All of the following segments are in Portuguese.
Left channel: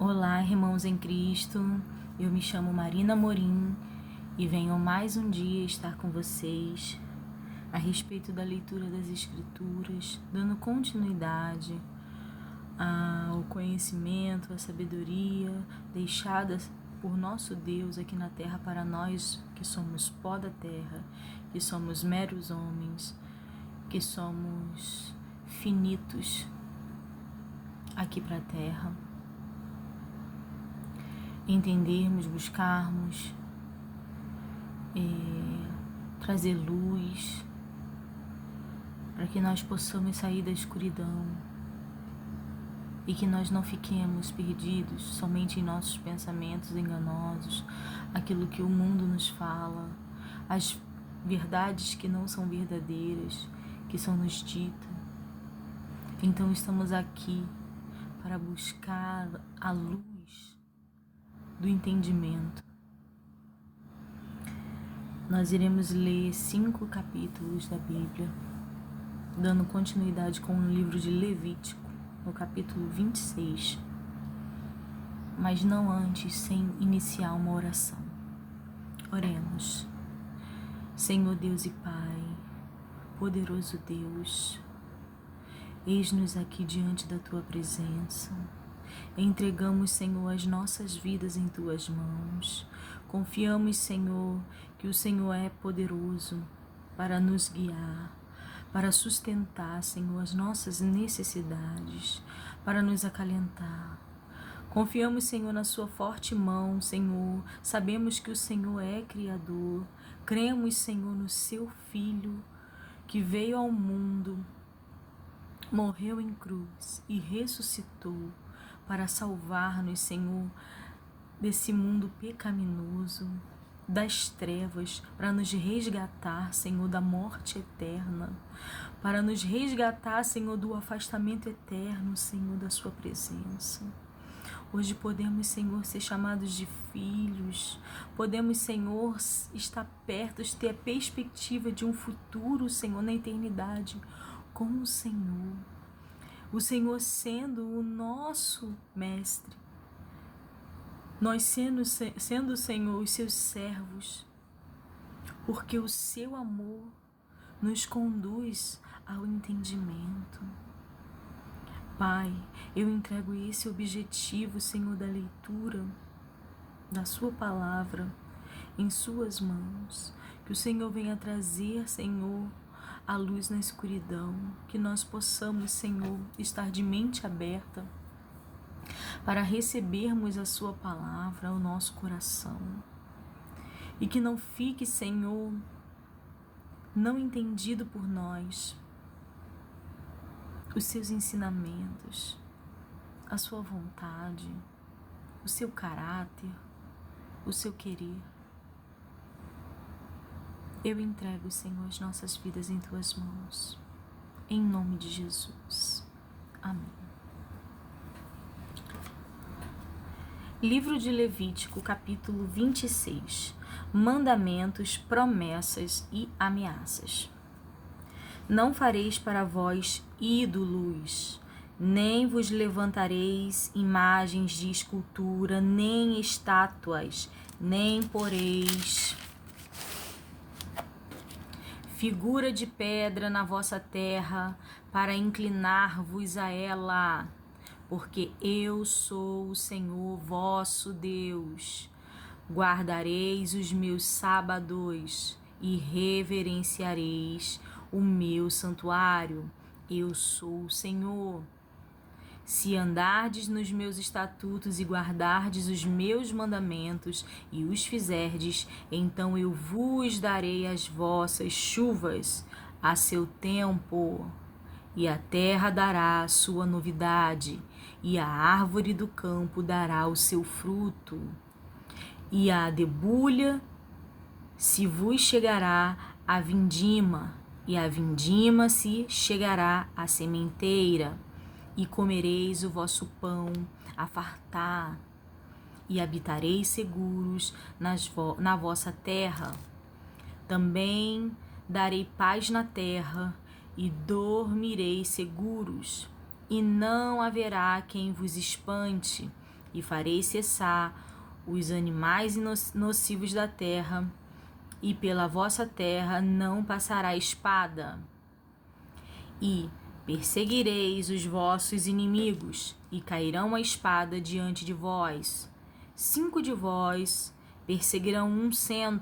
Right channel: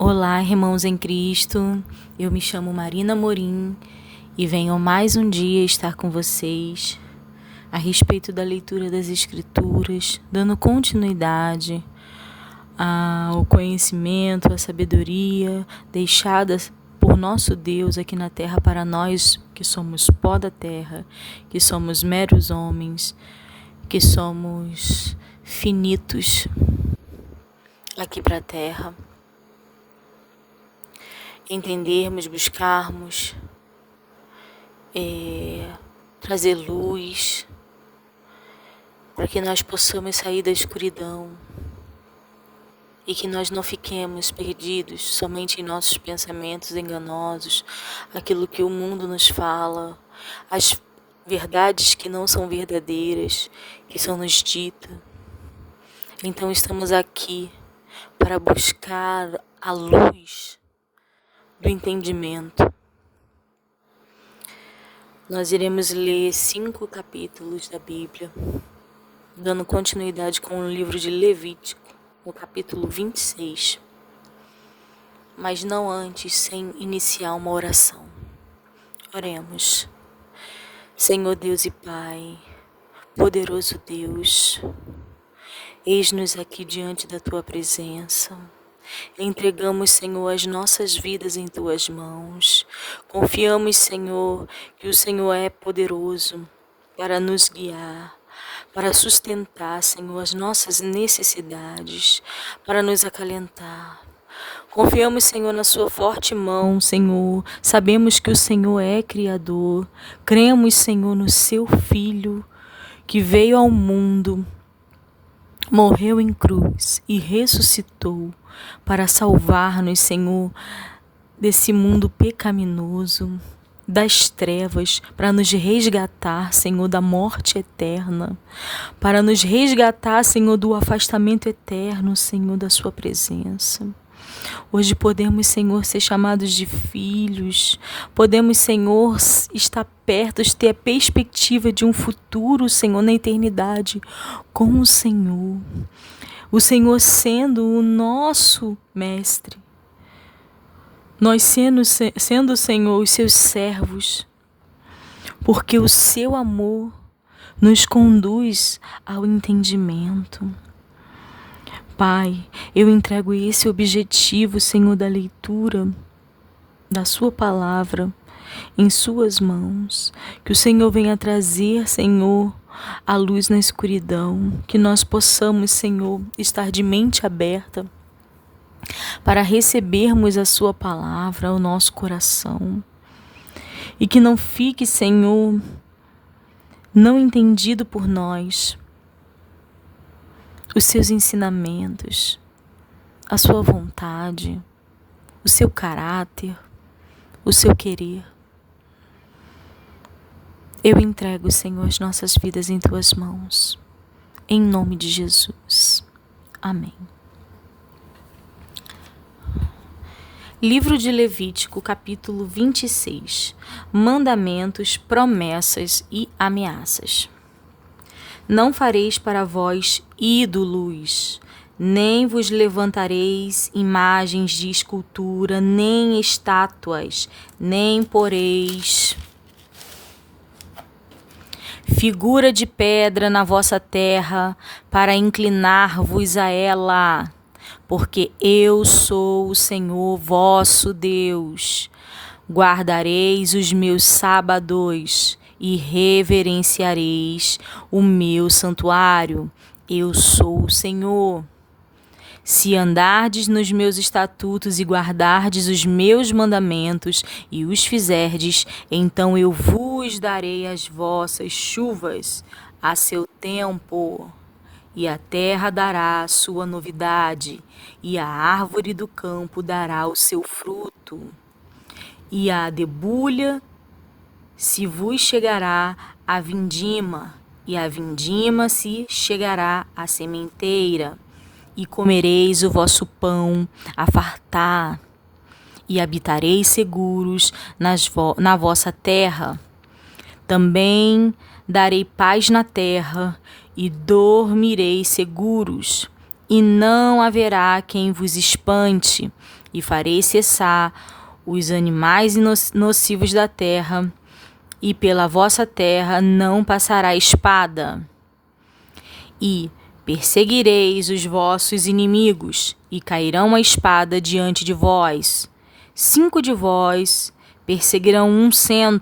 Olá, irmãos em Cristo, eu me chamo Marina Morim e venho mais um dia estar com vocês a respeito da leitura das Escrituras, dando continuidade ao conhecimento, à sabedoria deixadas por nosso Deus aqui na terra para nós que somos pó da terra, que somos meros homens, que somos finitos aqui para a terra. Entendermos, buscarmos, trazer luz, para que nós possamos sair da escuridão e que nós não fiquemos perdidos somente em nossos pensamentos enganosos, aquilo que o mundo nos fala, as verdades que não são verdadeiras, que são nos ditas. Então estamos aqui para buscar a luz do entendimento. Nós iremos ler 5 capítulos da Bíblia, dando continuidade com o livro de Levítico, no capítulo 26. Mas não antes, sem iniciar uma oração. Oremos. Senhor Deus e Pai, poderoso Deus, eis-nos aqui diante da Tua presença. Entregamos, Senhor, as nossas vidas em Tuas mãos. Confiamos, Senhor, que o Senhor é poderoso para nos guiar, para sustentar, Senhor, as nossas necessidades, para nos acalentar. Confiamos, Senhor, na Sua forte mão, Senhor. Sabemos que o Senhor é Criador. Cremos, Senhor, no Seu Filho, que veio ao mundo, morreu em cruz e ressuscitou para salvar-nos, Senhor, desse mundo pecaminoso, das trevas, para nos resgatar, Senhor, da morte eterna, para nos resgatar, Senhor, do afastamento eterno, Senhor, da Sua presença. Hoje podemos, Senhor, ser chamados de filhos. Podemos, Senhor, estar perto, ter a perspectiva de um futuro, Senhor, na eternidade com o Senhor. O Senhor sendo o nosso mestre. Nós sendo, Senhor, os seus servos. Porque o seu amor nos conduz ao entendimento. Pai, eu entrego esse objetivo, Senhor, da leitura da Sua palavra em Suas mãos. Que o Senhor venha trazer, Senhor, a luz na escuridão. Que nós possamos, Senhor, estar de mente aberta para recebermos a Sua palavra ao nosso coração. E que não fique, Senhor, não entendido por nós os Seus ensinamentos, a Sua vontade, o Seu caráter, o Seu querer. Eu entrego, Senhor, as nossas vidas em Tuas mãos, em nome de Jesus. Amém. Livro de Levítico, capítulo 26. Mandamentos, promessas e ameaças. Não fareis para vós ídolos, nem vos levantareis imagens de escultura, nem estátuas, nem poreis figura de pedra na vossa terra, para inclinar-vos a ela, porque eu sou o Senhor vosso Deus. Guardareis os meus sábados e reverenciareis o meu santuário. Eu sou o Senhor. Se andardes nos meus estatutos e guardardes os meus mandamentos e os fizerdes, então eu vos darei as vossas chuvas a seu tempo, e a terra dará a sua novidade, e a árvore do campo dará o seu fruto, e a debulha se vos chegará a vindima, e a vindima se chegará à sementeira. E comereis o vosso pão a fartar, e habitareis seguros na vossa terra. Também darei paz na terra, e dormireis seguros, e não haverá quem vos espante, e farei cessar os animais nocivos da terra, e pela vossa terra não passará espada. E perseguireis os vossos inimigos, e cairão a espada diante de vós. 5 de vós perseguirão 100,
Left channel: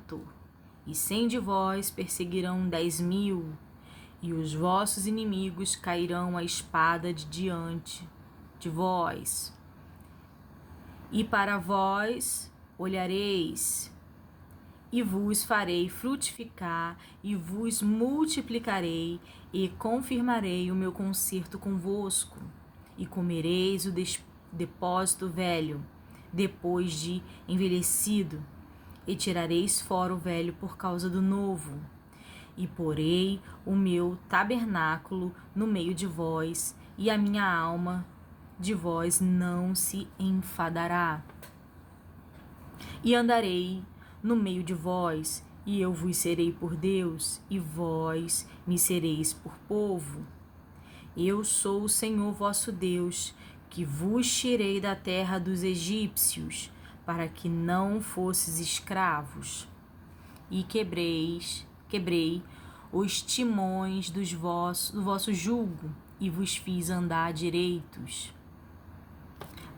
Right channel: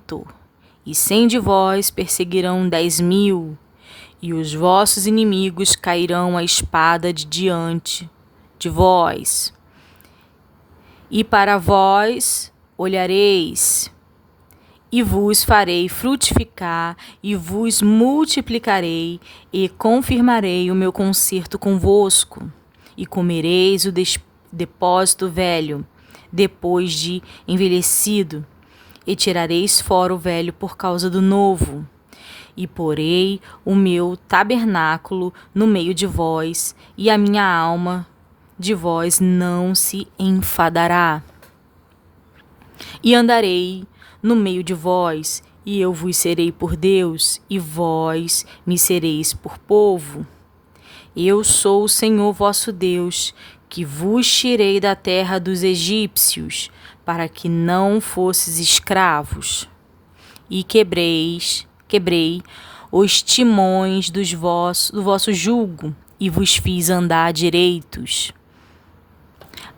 e 100 de vós perseguirão 10.000, e os vossos inimigos cairão a espada de diante de vós. E para vós olhareis, e vos farei frutificar, e vos multiplicarei, e confirmarei o meu concerto convosco, e comereis o depósito velho, depois de envelhecido, e tirareis fora o velho por causa do novo. E porei o meu tabernáculo no meio de vós, e a minha alma de vós não se enfadará. E andarei no meio de vós, e eu vos serei por Deus, e vós me sereis por povo. Eu sou o Senhor vosso Deus, que vos tirei da terra dos egípcios, para que não fosses escravos. E quebrei os timões do vosso jugo, e vos fiz andar direitos.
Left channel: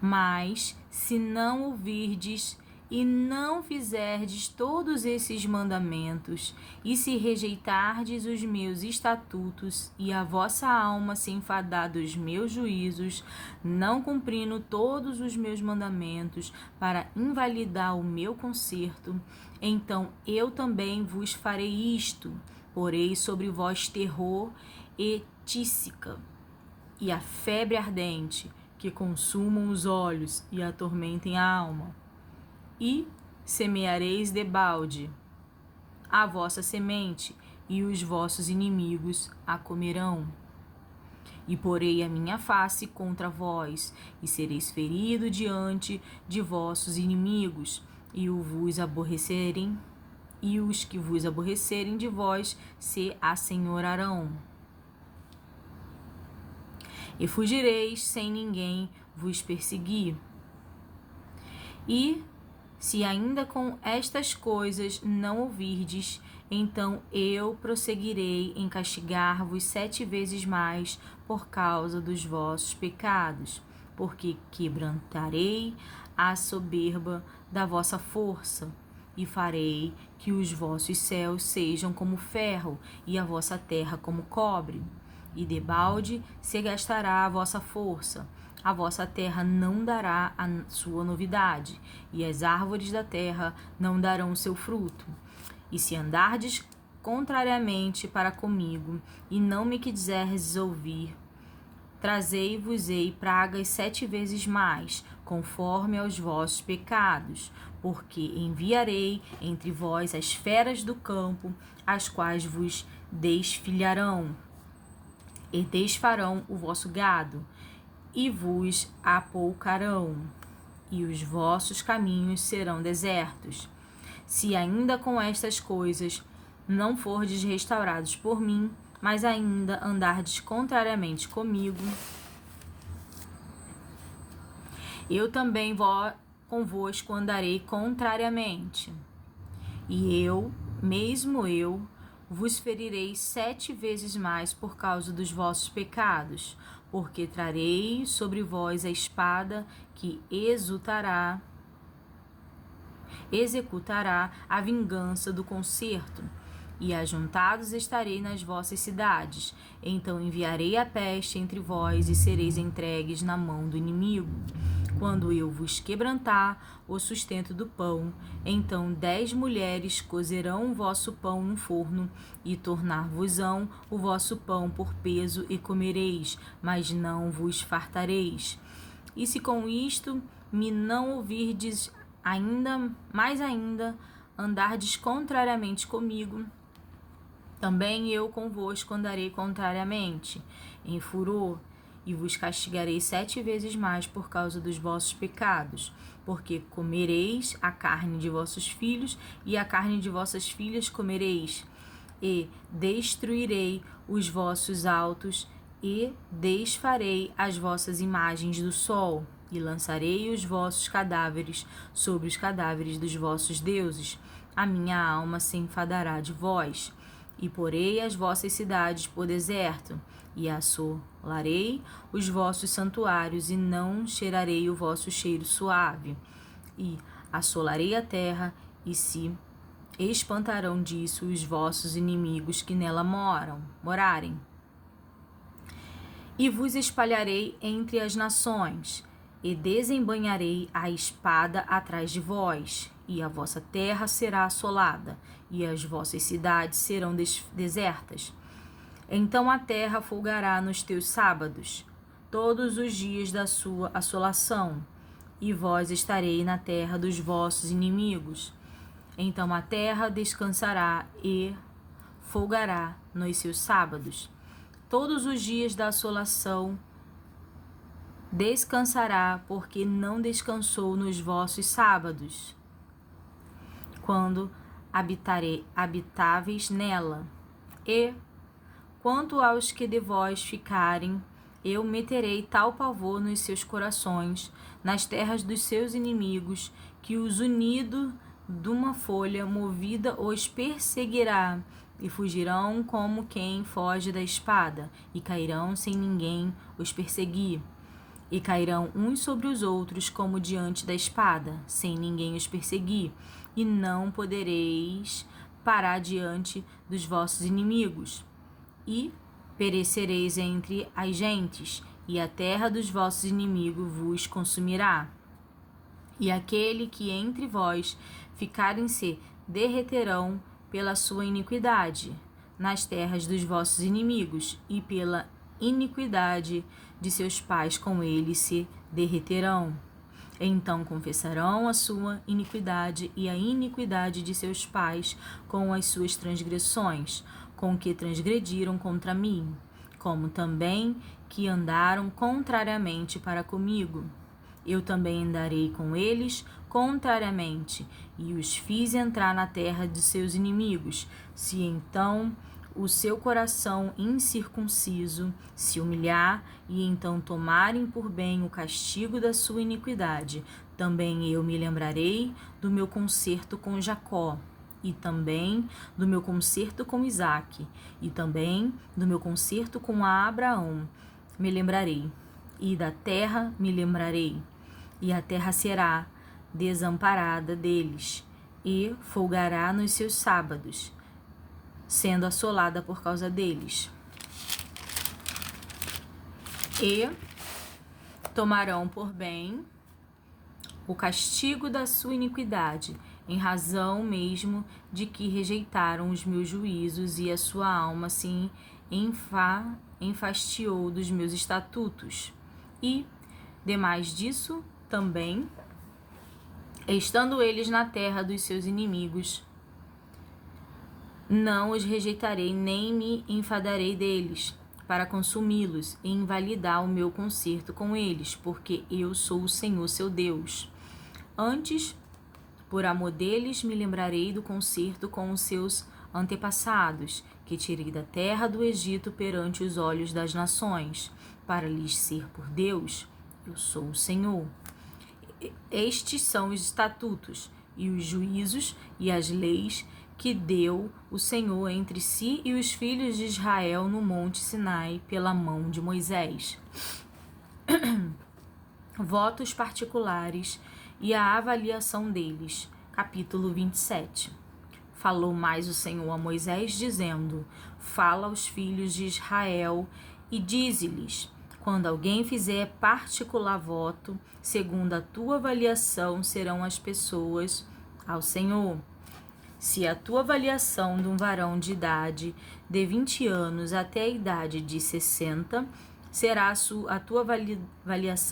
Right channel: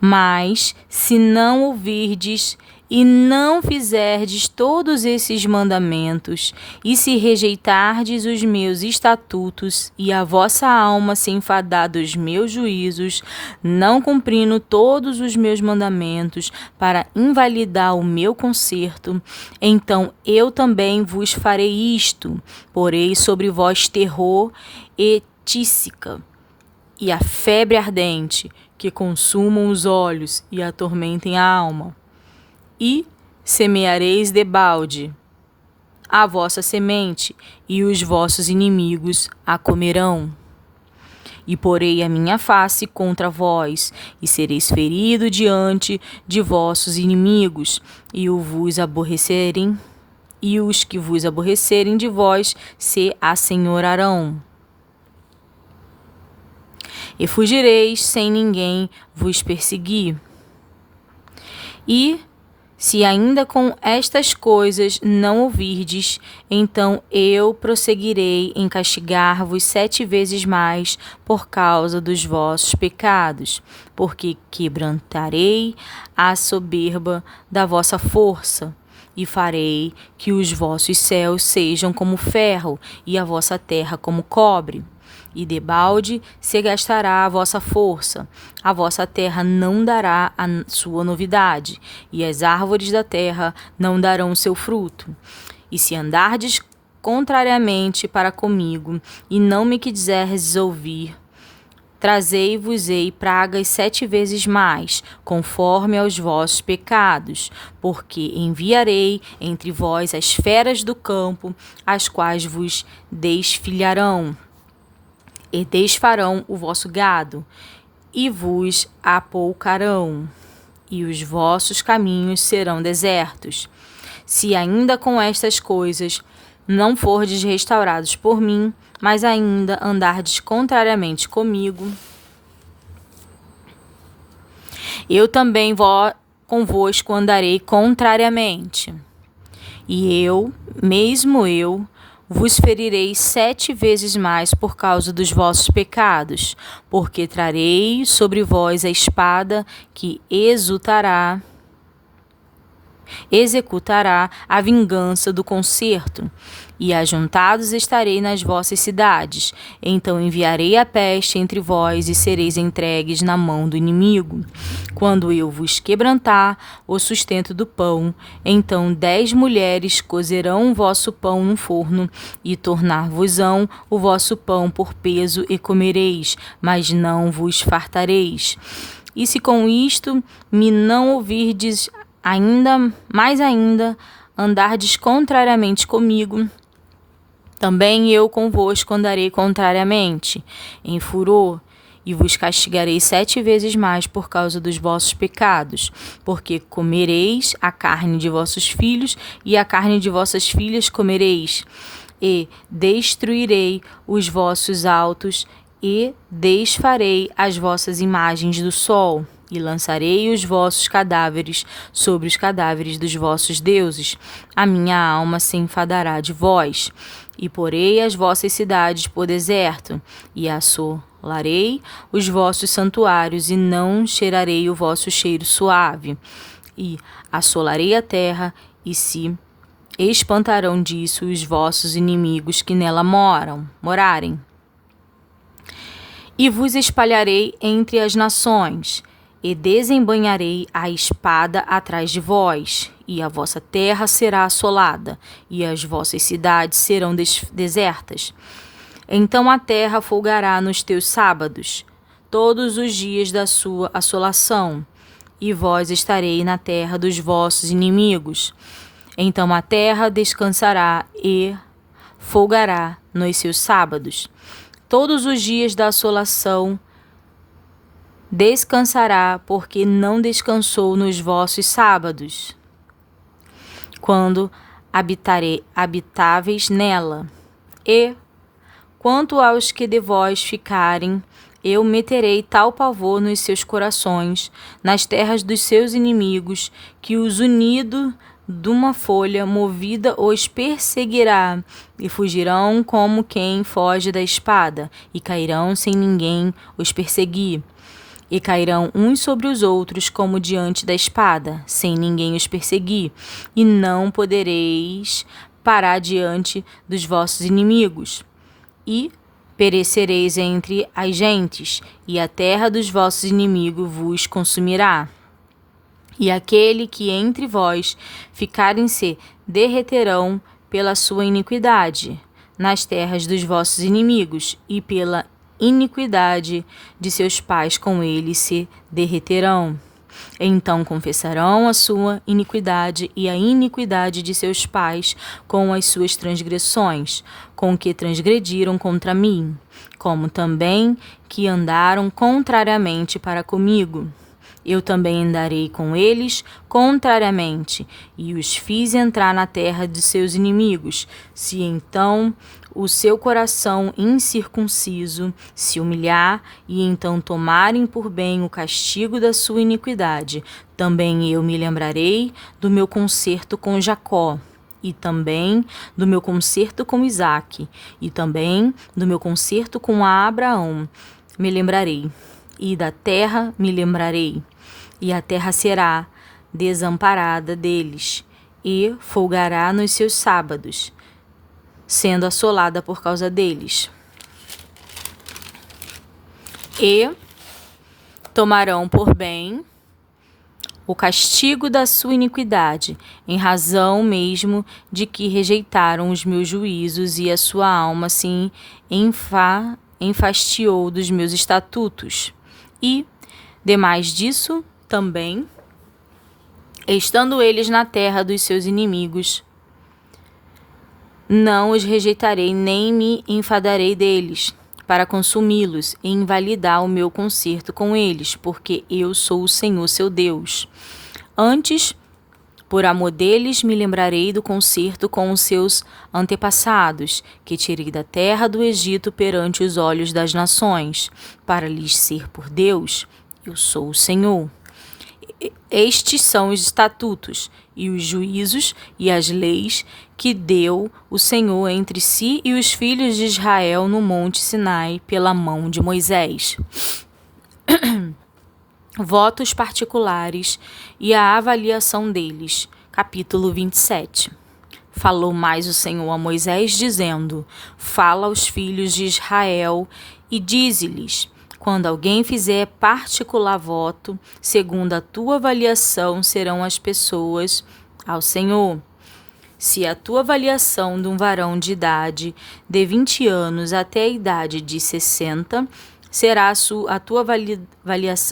Mas, se não ouvirdes e não fizerdes todos esses mandamentos, e se rejeitardes os meus estatutos, e a vossa alma se enfadar dos meus juízos, não cumprindo todos os meus mandamentos, para invalidar o meu concerto, então eu também vos farei isto: porei sobre vós terror e tísica, e a febre ardente, que consumam os olhos e atormentem a alma. E semeareis debalde a vossa semente, e os vossos inimigos a comerão. E porei a minha face contra vós, e sereis ferido diante de vossos inimigos, e os que vos aborrecerem de vós se assenhorarão. E fugireis sem ninguém vos perseguir. E se ainda com estas coisas não ouvirdes, então eu prosseguirei em castigar-vos 7 vezes mais por causa dos vossos pecados, porque quebrantarei a soberba da vossa força, e farei que os vossos céus sejam como ferro, e a vossa terra como cobre. E debalde se gastará a vossa força, a vossa terra não dará a sua novidade, e as árvores da terra não darão seu fruto. E se andardes contrariamente para comigo, e não me quiserdes ouvir, trazei-vos-ei pragas 7 vezes mais, conforme aos vossos pecados, porque enviarei entre vós as feras do campo, as quais vos desfilharão, e desfarão o vosso gado, e vos apoucarão, e os vossos caminhos serão desertos. Se ainda com estas coisas não fordes restaurados por mim, mas ainda andardes contrariamente comigo, eu também convosco andarei contrariamente. E eu, mesmo eu, vos ferirei 7 vezes mais por causa dos vossos pecados, porque trarei sobre vós a espada que executará a vingança do concerto, e ajuntados estarei nas vossas cidades. Então enviarei a peste entre vós, e sereis entregues na mão do inimigo. Quando eu vos quebrantar o sustento do pão, então 10 mulheres cozerão o vosso pão no forno, e tornar-vos-ão o vosso pão por peso, e comereis, mas não vos fartareis. E se com isto me não ouvirdes ainda, andardes contrariamente comigo, também eu convosco andarei contrariamente, em furor, e vos castigarei 7 vezes mais por causa dos vossos pecados, porque comereis a carne de vossos filhos, e a carne de vossas filhas comereis, e destruirei os vossos altos, e desfarei as vossas imagens do sol. e lançarei os vossos cadáveres sobre os cadáveres dos vossos deuses. A minha alma se enfadará de vós, e porei as vossas cidades por deserto, e assolarei os vossos santuários, e não cheirarei o vosso cheiro suave. E assolarei a terra, e se espantarão disso os vossos inimigos que nela morarem. E vos espalharei entre as nações, e desembainharei a espada atrás de vós, e a vossa terra será assolada, e as vossas cidades serão desertas. Então a terra folgará nos teus sábados, todos os dias da sua assolação, e vós estareis na terra dos vossos inimigos. Então a terra descansará e folgará nos seus sábados. Todos os dias da assolação descansará, porque não descansou nos vossos sábados, quando habitáveis nela. E, quanto aos que de vós ficarem, eu meterei tal pavor nos seus corações, nas terras dos seus inimigos, que os unido de uma folha movida os perseguirá, e fugirão como quem foge da espada, e cairão sem ninguém os perseguir. E cairão uns sobre os outros como diante da espada, sem ninguém os perseguir, e não podereis parar diante dos vossos inimigos. E perecereis entre as gentes, e a terra dos vossos inimigos vos consumirá. E aquele que entre vós ficarem se derreterão pela sua iniquidade nas terras dos vossos inimigos, e pela iniquidade de seus pais com ele se derreterão. Então confessarão a sua iniquidade e a iniquidade de seus pais com as suas transgressões, com que transgrediram contra mim, como também que andaram contrariamente para comigo. Eu também andarei com eles contrariamente, e os fiz entrar na terra de seus inimigos. Se então o seu coração incircunciso se humilhar, e então tomarem por bem o castigo da sua iniquidade, também eu me lembrarei do meu concerto com Jacó, e também do meu concerto com Isaque, e também do meu concerto com Abraão me lembrarei, e da terra me lembrarei. E a terra será desamparada deles, e folgará nos seus sábados, sendo assolada por causa deles. E tomarão por bem o castigo da sua iniquidade, em razão mesmo de que rejeitaram os meus juízos, e a sua alma se enfastiou dos meus estatutos. E, demais disso, também, estando eles na terra dos seus inimigos, não os rejeitarei, nem me enfadarei deles, para consumi-los e invalidar o meu concerto com eles, porque eu sou o Senhor seu Deus. Antes, por amor deles, me lembrarei do concerto com os seus antepassados, que tirei da terra do Egito perante os olhos das nações, para lhes ser por Deus. Eu sou o Senhor. Estes são os estatutos e os juízos e as leis que deu o Senhor entre si e os filhos de Israel no monte Sinai pela mão de Moisés. Votos particulares e a avaliação deles. Capítulo 27. Falou mais o Senhor a Moisés, dizendo: Fala aos filhos de Israel e dize-lhes: quando alguém fizer particular voto, segundo a tua avaliação serão as pessoas ao Senhor. Se a tua avaliação de um varão de idade de 20 anos até a idade de 60, será a tua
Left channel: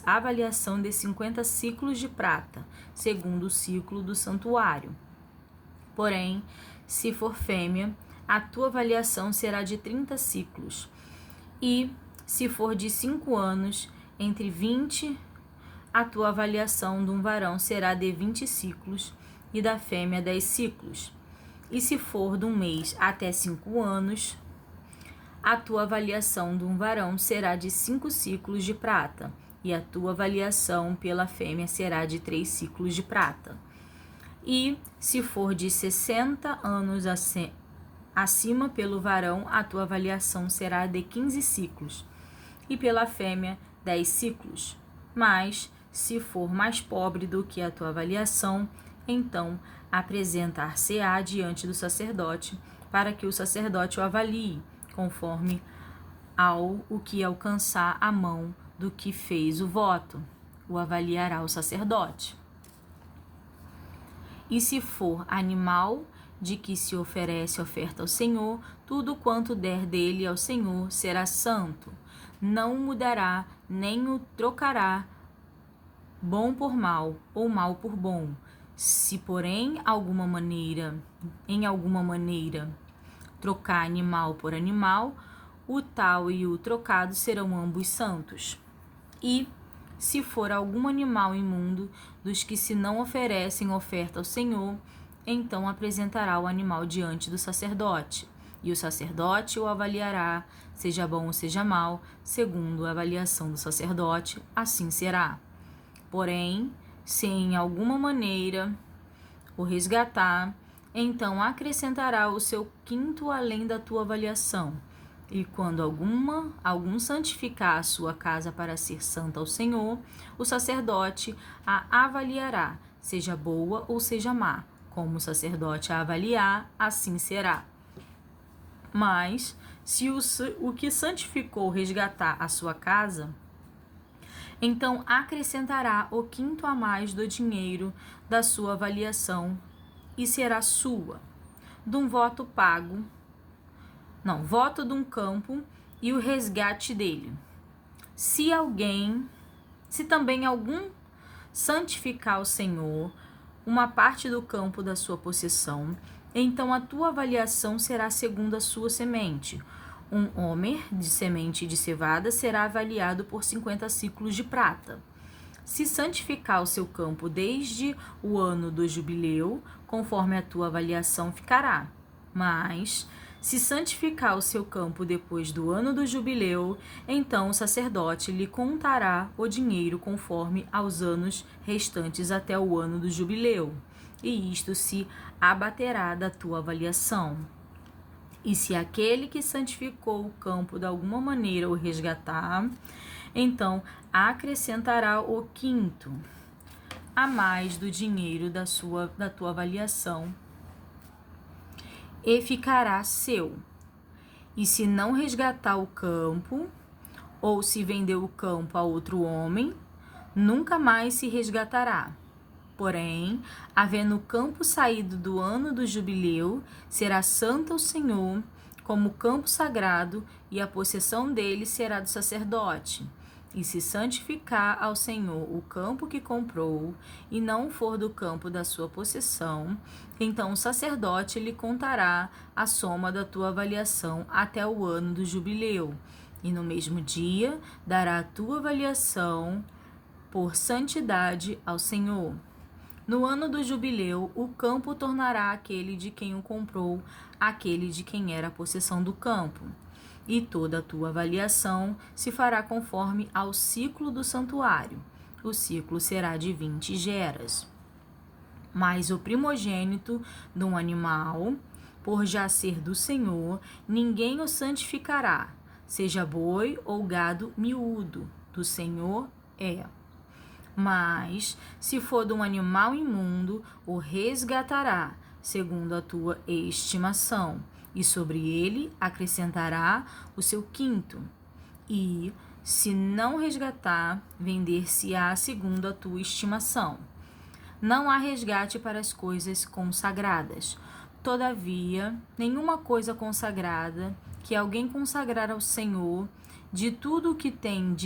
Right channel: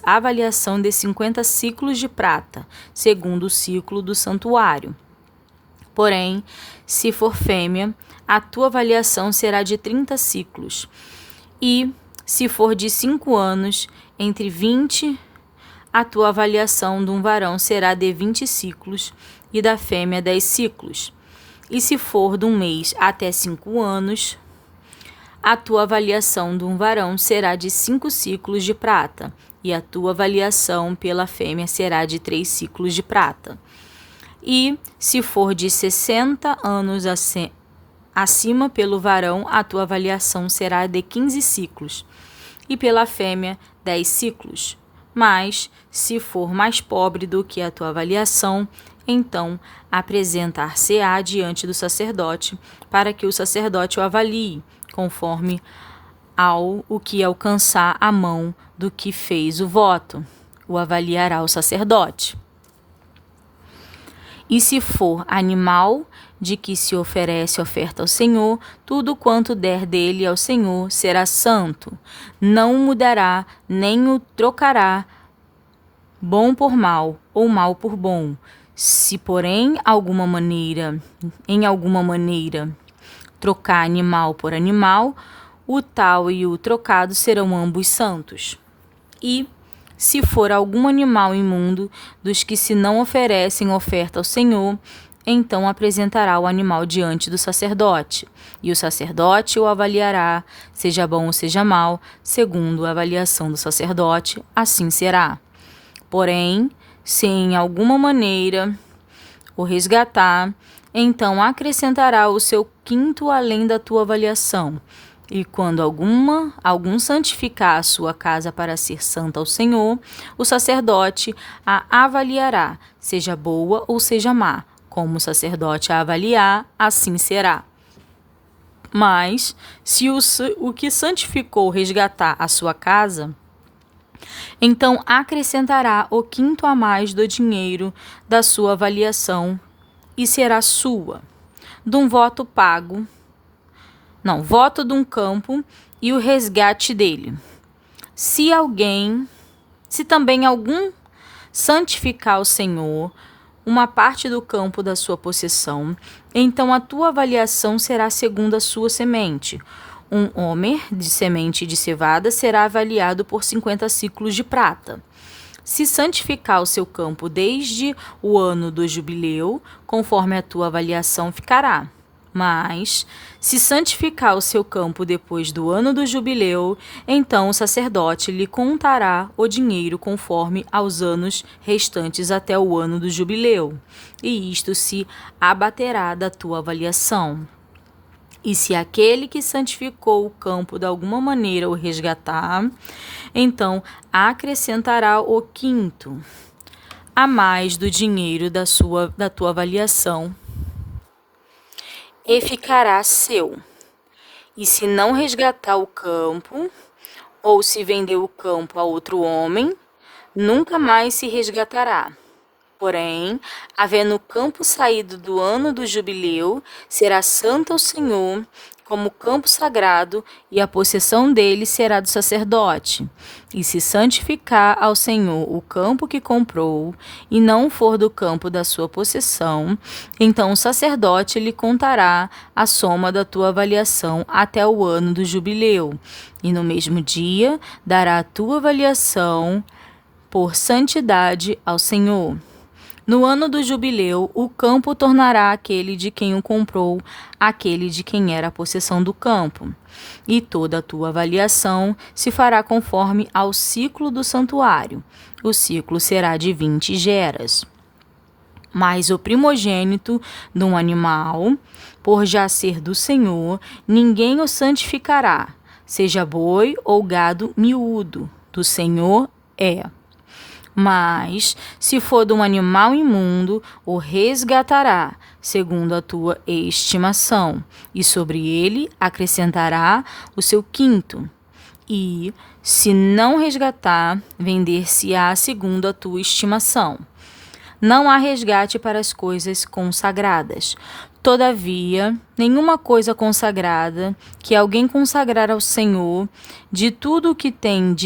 avaliação de 50 ciclos de prata, segundo o ciclo do santuário. Porém, se for fêmea, a tua avaliação será de 30 ciclos. E, se for de 5 anos, entre 20, a tua avaliação de um varão será de 20 ciclos, e da fêmea 10 ciclos. E se for de um mês até 5 anos, a tua avaliação de um varão será de 5 ciclos de prata, e a tua avaliação pela fêmea será de 3 ciclos de prata. E se for de 60 anos acima pelo varão, a tua avaliação será de 15 ciclos, e pela fêmea 10 ciclos. Mas, se for mais pobre do que a tua avaliação, então apresentar-se-á diante do sacerdote, para que o sacerdote o avalie, conforme ao o que alcançar a mão do que fez o voto. O avaliará o sacerdote. E se for animal de que se oferece oferta ao Senhor, tudo quanto der dele ao Senhor será santo. Não mudará, nem o trocará bom por mal, ou mal por bom. Se, porém, em alguma maneira, trocar animal por animal, o tal e o trocado serão ambos santos. E, se for algum animal imundo dos que se não oferecem oferta ao Senhor, então apresentará o animal diante do sacerdote, e o sacerdote o avaliará, seja bom ou seja mal, segundo a avaliação do sacerdote, assim será. Porém, se em alguma maneira o resgatar, então acrescentará o seu quinto além da tua avaliação. E quando algum santificar a sua casa para ser santa ao Senhor, o sacerdote a avaliará, seja boa ou seja má. Como o sacerdote a avaliar, assim será. Mas, se o que santificou resgatar a sua casa, então acrescentará o quinto a mais do dinheiro da sua avaliação e será sua, de um voto de um campo e o resgate dele. Se também algum santificar o Senhor uma parte do campo da sua possessão, então a tua avaliação será segundo a sua semente. Um homer de semente de cevada será avaliado por 50 ciclos de prata. Se santificar o seu campo desde o ano do jubileu, conforme a tua avaliação ficará. Mas, se santificar o seu campo depois do ano do jubileu, então o sacerdote lhe contará o dinheiro conforme aos anos restantes até o ano do jubileu, e isto se abaterá da tua avaliação. E se aquele que santificou o campo de alguma maneira o resgatar, então acrescentará o quinto a mais do dinheiro da tua avaliação, e ficará seu. E se não resgatar o campo, ou se vender o campo a outro homem, nunca mais se resgatará. Porém, havendo o campo saído do ano do jubileu, será santo ao Senhor, como campo sagrado, e a possessão dele será do sacerdote. E se santificar ao Senhor o campo que comprou, e não for do campo da sua possessão, então o sacerdote lhe contará a soma da tua avaliação até o ano do jubileu, e no mesmo dia dará a tua avaliação por santidade ao Senhor. No ano do jubileu, o campo tornará aquele de quem o comprou, aquele de quem era a possessão do campo. E toda a tua avaliação se fará conforme ao ciclo do santuário. O ciclo será de 20 geras. Mas o primogênito de um animal, por já ser do Senhor, ninguém o santificará, seja boi ou gado miúdo, do Senhor é. Mas, se for de um animal imundo, o resgatará, segundo a tua estimação, e sobre ele acrescentará o seu quinto. E, se não resgatar, vender-se-á segundo a tua estimação. Não há resgate para as coisas consagradas. Todavia, nenhuma coisa consagrada que alguém consagrar ao Senhor, de tudo que tem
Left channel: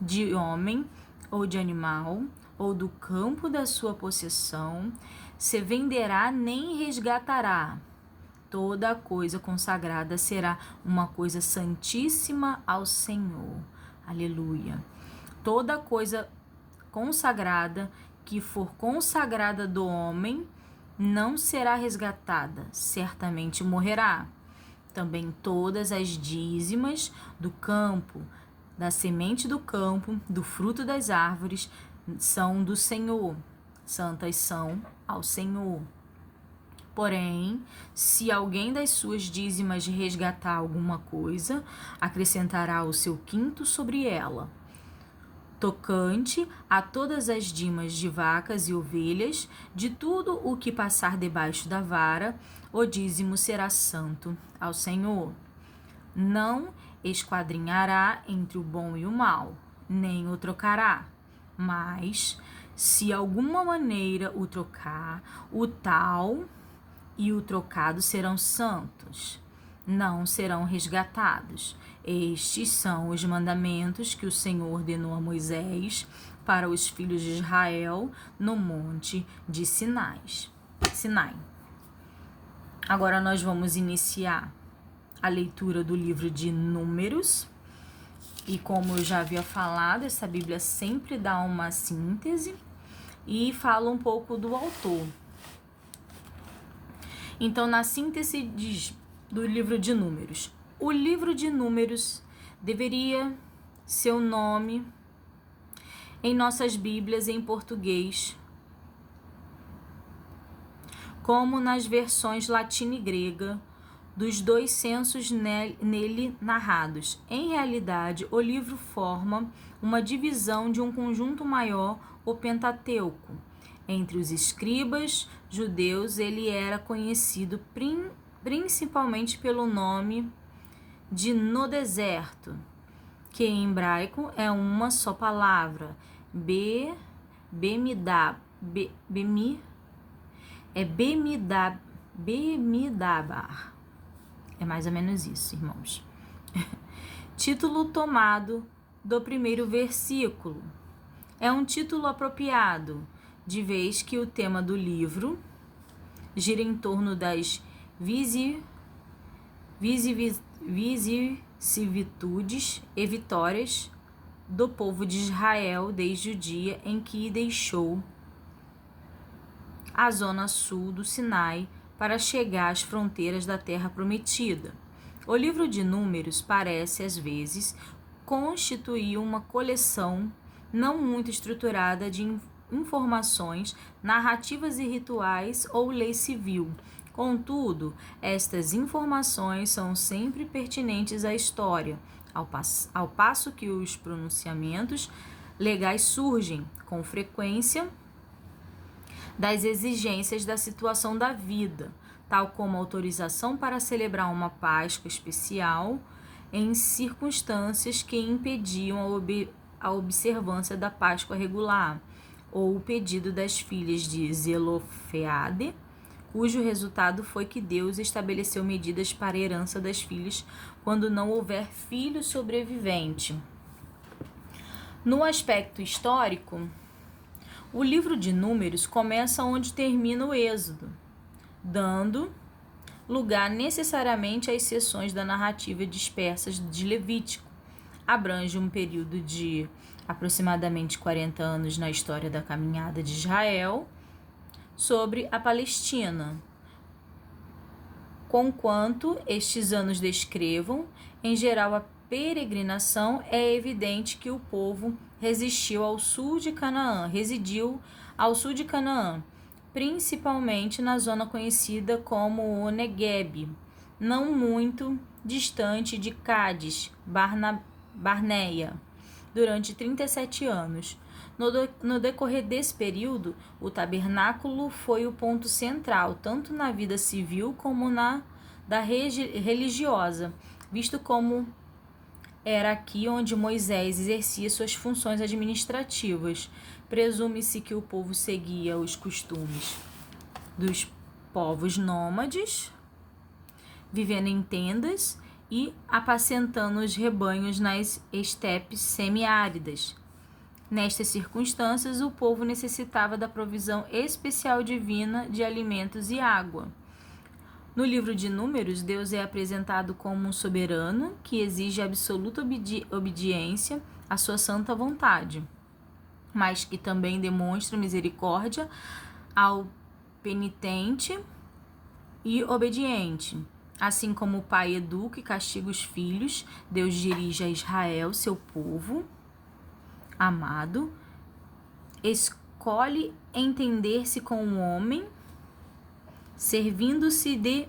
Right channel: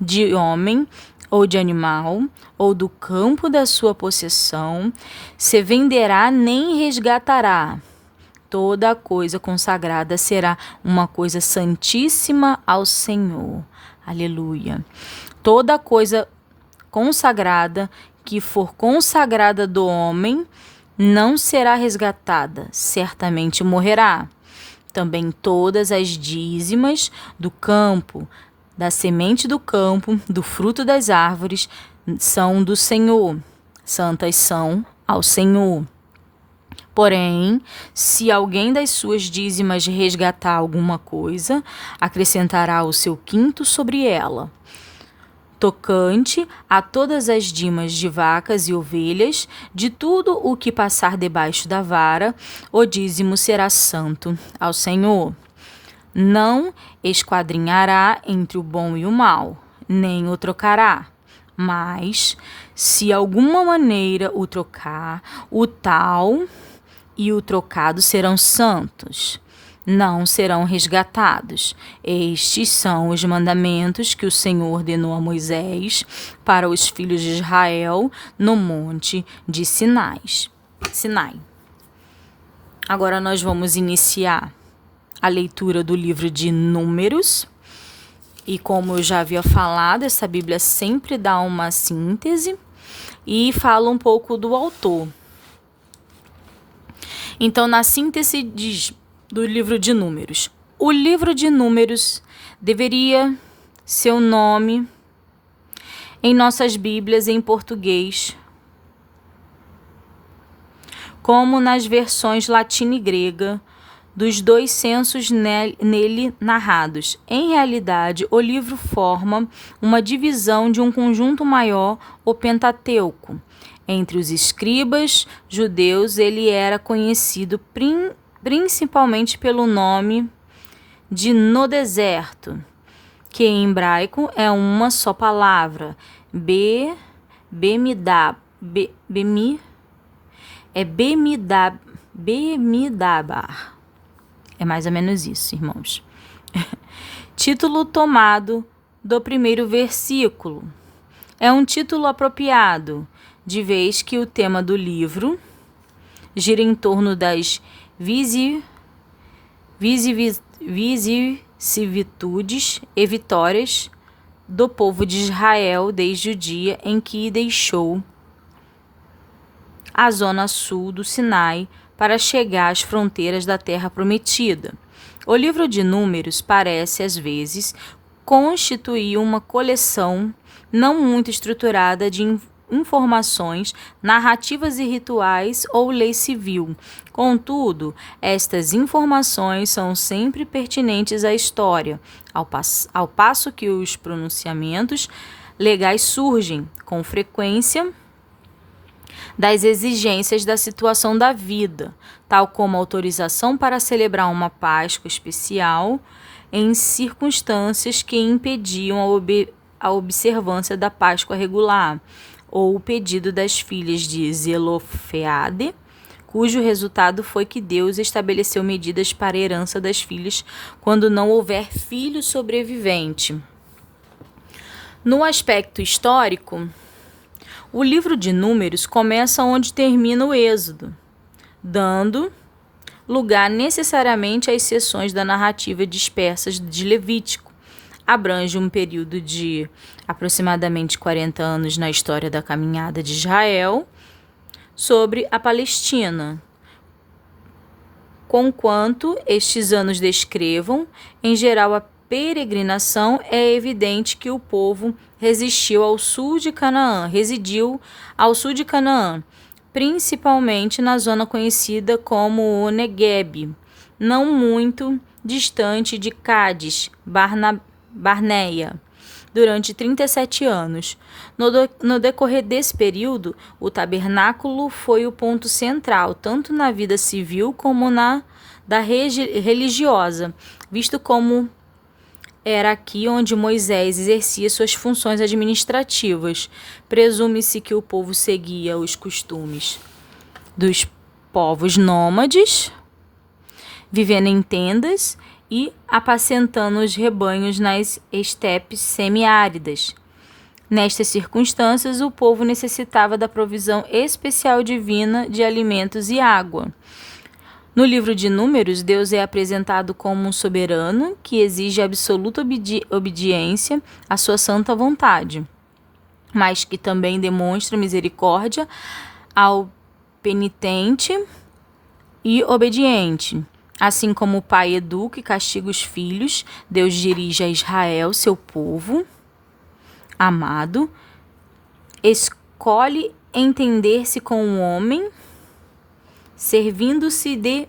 de homem ou de animal, ou do campo da sua possessão, se venderá nem resgatará. Toda a coisa consagrada será uma coisa santíssima ao Senhor. Aleluia. Toda coisa consagrada que for consagrada do homem não será resgatada, certamente morrerá. Também todas as dízimas do campo, da semente do campo, do fruto das árvores, são do Senhor. Santas são ao Senhor. Porém, se alguém das suas dízimas resgatar alguma coisa, acrescentará o seu quinto sobre ela. Tocante a todas as dimas de vacas e ovelhas, de tudo o que passar debaixo da vara, o dízimo será santo ao Senhor. Não esquadrinhará entre o bom e o mal, nem o trocará. Mas, se alguma maneira o trocar, o tal e o trocado serão santos, não serão resgatados. Estes são os mandamentos que o Senhor ordenou a Moisés para os filhos de Israel no monte de Sinai. Agora nós vamos iniciar a leitura do livro de Números. E como eu já havia falado, essa Bíblia sempre dá uma síntese e fala um pouco do autor. Então, na síntese do livro de Números, o livro de Números deveria ser o nome em nossas Bíblias em português, como nas versões latina e grega dos dois censos nele narrados. Em realidade, o livro forma uma divisão de um conjunto maior, o Pentateuco. Entre os escribas judeus, ele era conhecido principalmente pelo nome de No Deserto, que em hebraico é uma só palavra, Bemidabar. É mais ou menos isso, irmãos. Título tomado do primeiro versículo. É um título apropriado, de vez que o tema do livro gira em torno das vicissitudes e vitórias do povo de Israel desde o dia em que deixou a zona sul do Sinai para chegar às fronteiras da Terra Prometida. O livro de Números parece, às vezes, constituir uma coleção não muito estruturada de informações, narrativas e rituais ou lei civil. Contudo, estas informações são sempre pertinentes à história, ao passo que os pronunciamentos legais surgem, com frequência, das exigências da situação da vida, tal como autorização para celebrar uma Páscoa especial em circunstâncias que impediam a observância da Páscoa regular, ou o pedido das filhas de Zelofeade, cujo resultado foi que Deus estabeleceu medidas para a herança das filhas quando não houver filho sobrevivente. No aspecto histórico, o livro de Números começa onde termina o Êxodo, dando lugar necessariamente às seções da narrativa dispersas de Levítico. Abrange um período de aproximadamente 40 anos na história da caminhada de Israel sobre a Palestina. Conquanto estes anos descrevam, em geral, a peregrinação, é evidente que o povo residiu ao sul de Canaã, principalmente na zona conhecida como o Negueb, não muito distante de Cádiz, Barneia, durante 37 anos. No decorrer desse período, o tabernáculo foi o ponto central, tanto na vida civil como na da religiosa, visto como era aqui onde Moisés exercia suas funções administrativas. Presume-se que o povo seguia os costumes dos povos nômades, vivendo em tendas e apacentando os rebanhos nas estepes semiáridas. Nestas circunstâncias, o povo necessitava da provisão especial divina de alimentos e água. No livro de Números, Deus é apresentado como um soberano que exige absoluta obediência à sua santa vontade, mas que também demonstra misericórdia ao penitente e obediente. Assim como o pai educa e castiga os filhos, Deus dirige a Israel, seu povo amado, escolhe entender-se com o homem, servindo-se de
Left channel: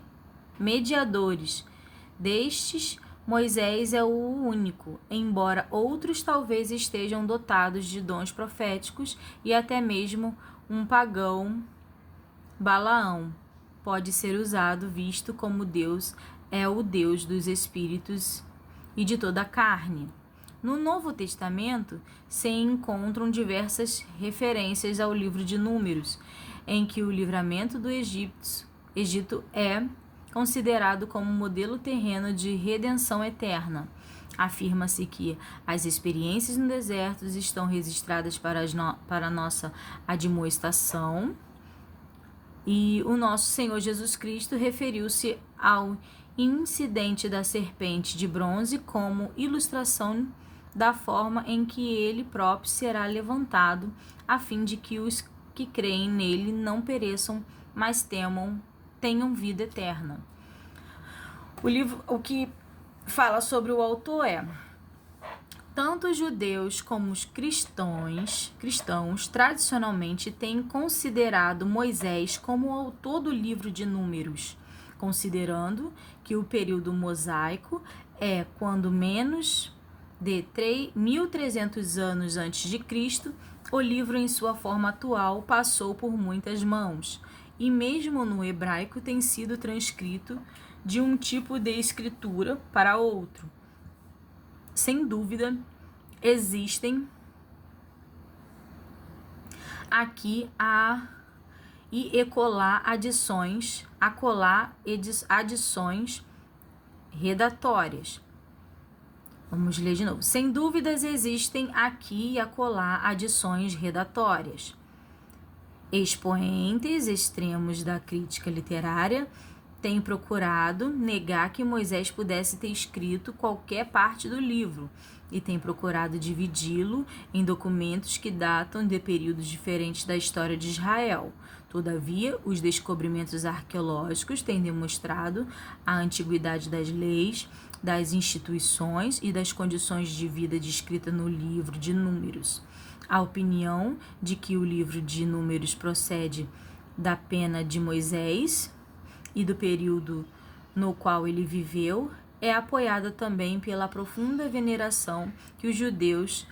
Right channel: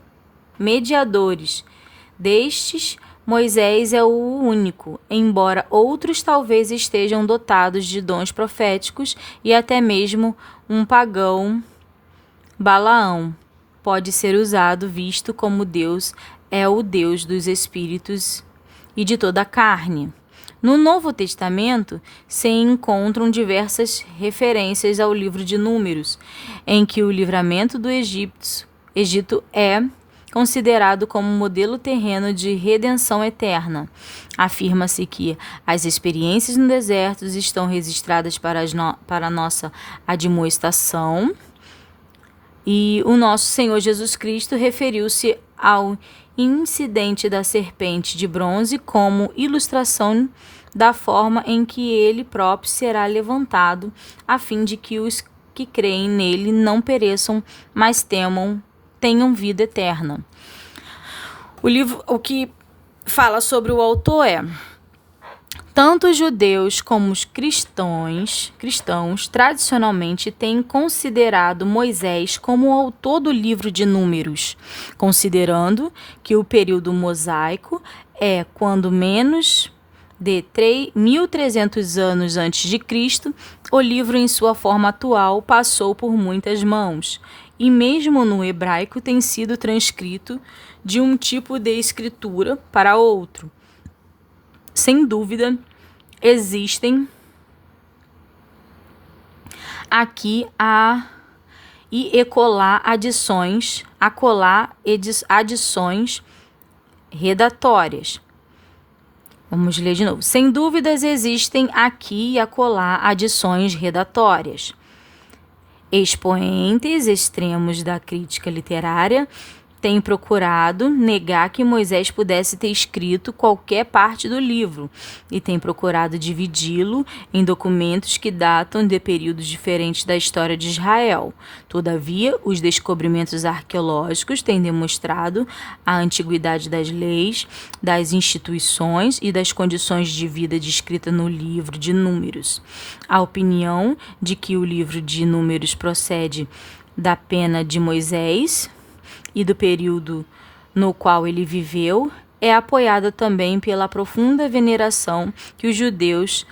mediadores. Destes, Moisés é o único, embora outros talvez estejam dotados de dons proféticos e até mesmo um pagão, Balaão, pode ser usado, visto como Deus é o Deus dos espíritos e de toda a carne. No Novo Testamento se encontram diversas referências ao livro de Números, em que o livramento do Egito é considerado como modelo terreno de redenção eterna. Afirma-se que as experiências no deserto estão registradas para nossa admoestação, e o nosso Senhor Jesus Cristo referiu-se ao incidente da serpente de bronze como ilustração da forma em que ele próprio será levantado, a fim de que os que creem nele não pereçam, mas tenham vida eterna. O que fala sobre o autor é: tanto os judeus como os cristãos tradicionalmente têm considerado Moisés como o autor do livro de Números, considerando que o período mosaico é quando menos de 1.300 anos antes de Cristo, o livro em sua forma atual passou por muitas mãos, e mesmo no hebraico tem sido transcrito de um tipo de escritura para outro. Sem dúvida, existem aqui adições redatórias. Vamos ler de novo. Sem dúvidas, existem aqui e acolá adições redatórias. Expoentes extremos da crítica literária têm procurado negar que Moisés pudesse ter escrito qualquer parte do livro e têm procurado dividi-lo em documentos que datam de períodos diferentes da história de Israel. Todavia, os descobrimentos arqueológicos têm demonstrado a antiguidade das leis, das instituições e das condições de vida descritas no livro de Números. A opinião de que o livro de Números procede da pena de Moisés e do período no qual ele viveu é apoiada também pela profunda veneração que os judeus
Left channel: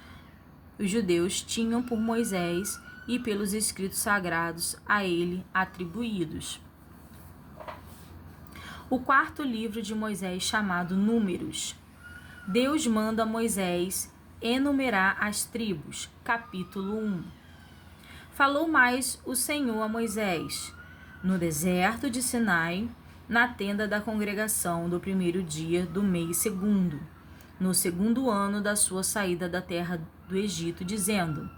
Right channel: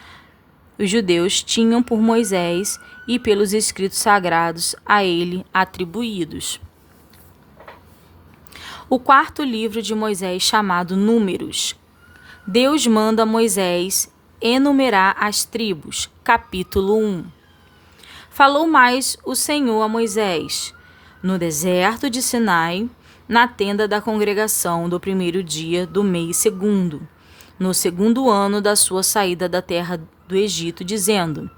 tinham por Moisés e pelos escritos sagrados a ele atribuídos. O quarto livro de Moisés, chamado Números. Deus manda Moisés enumerar as tribos. Capítulo 1. Falou mais o Senhor a Moisés no deserto de Sinai, na tenda da congregação do primeiro dia do mês segundo, no segundo ano da sua saída da terra do Egito, dizendo:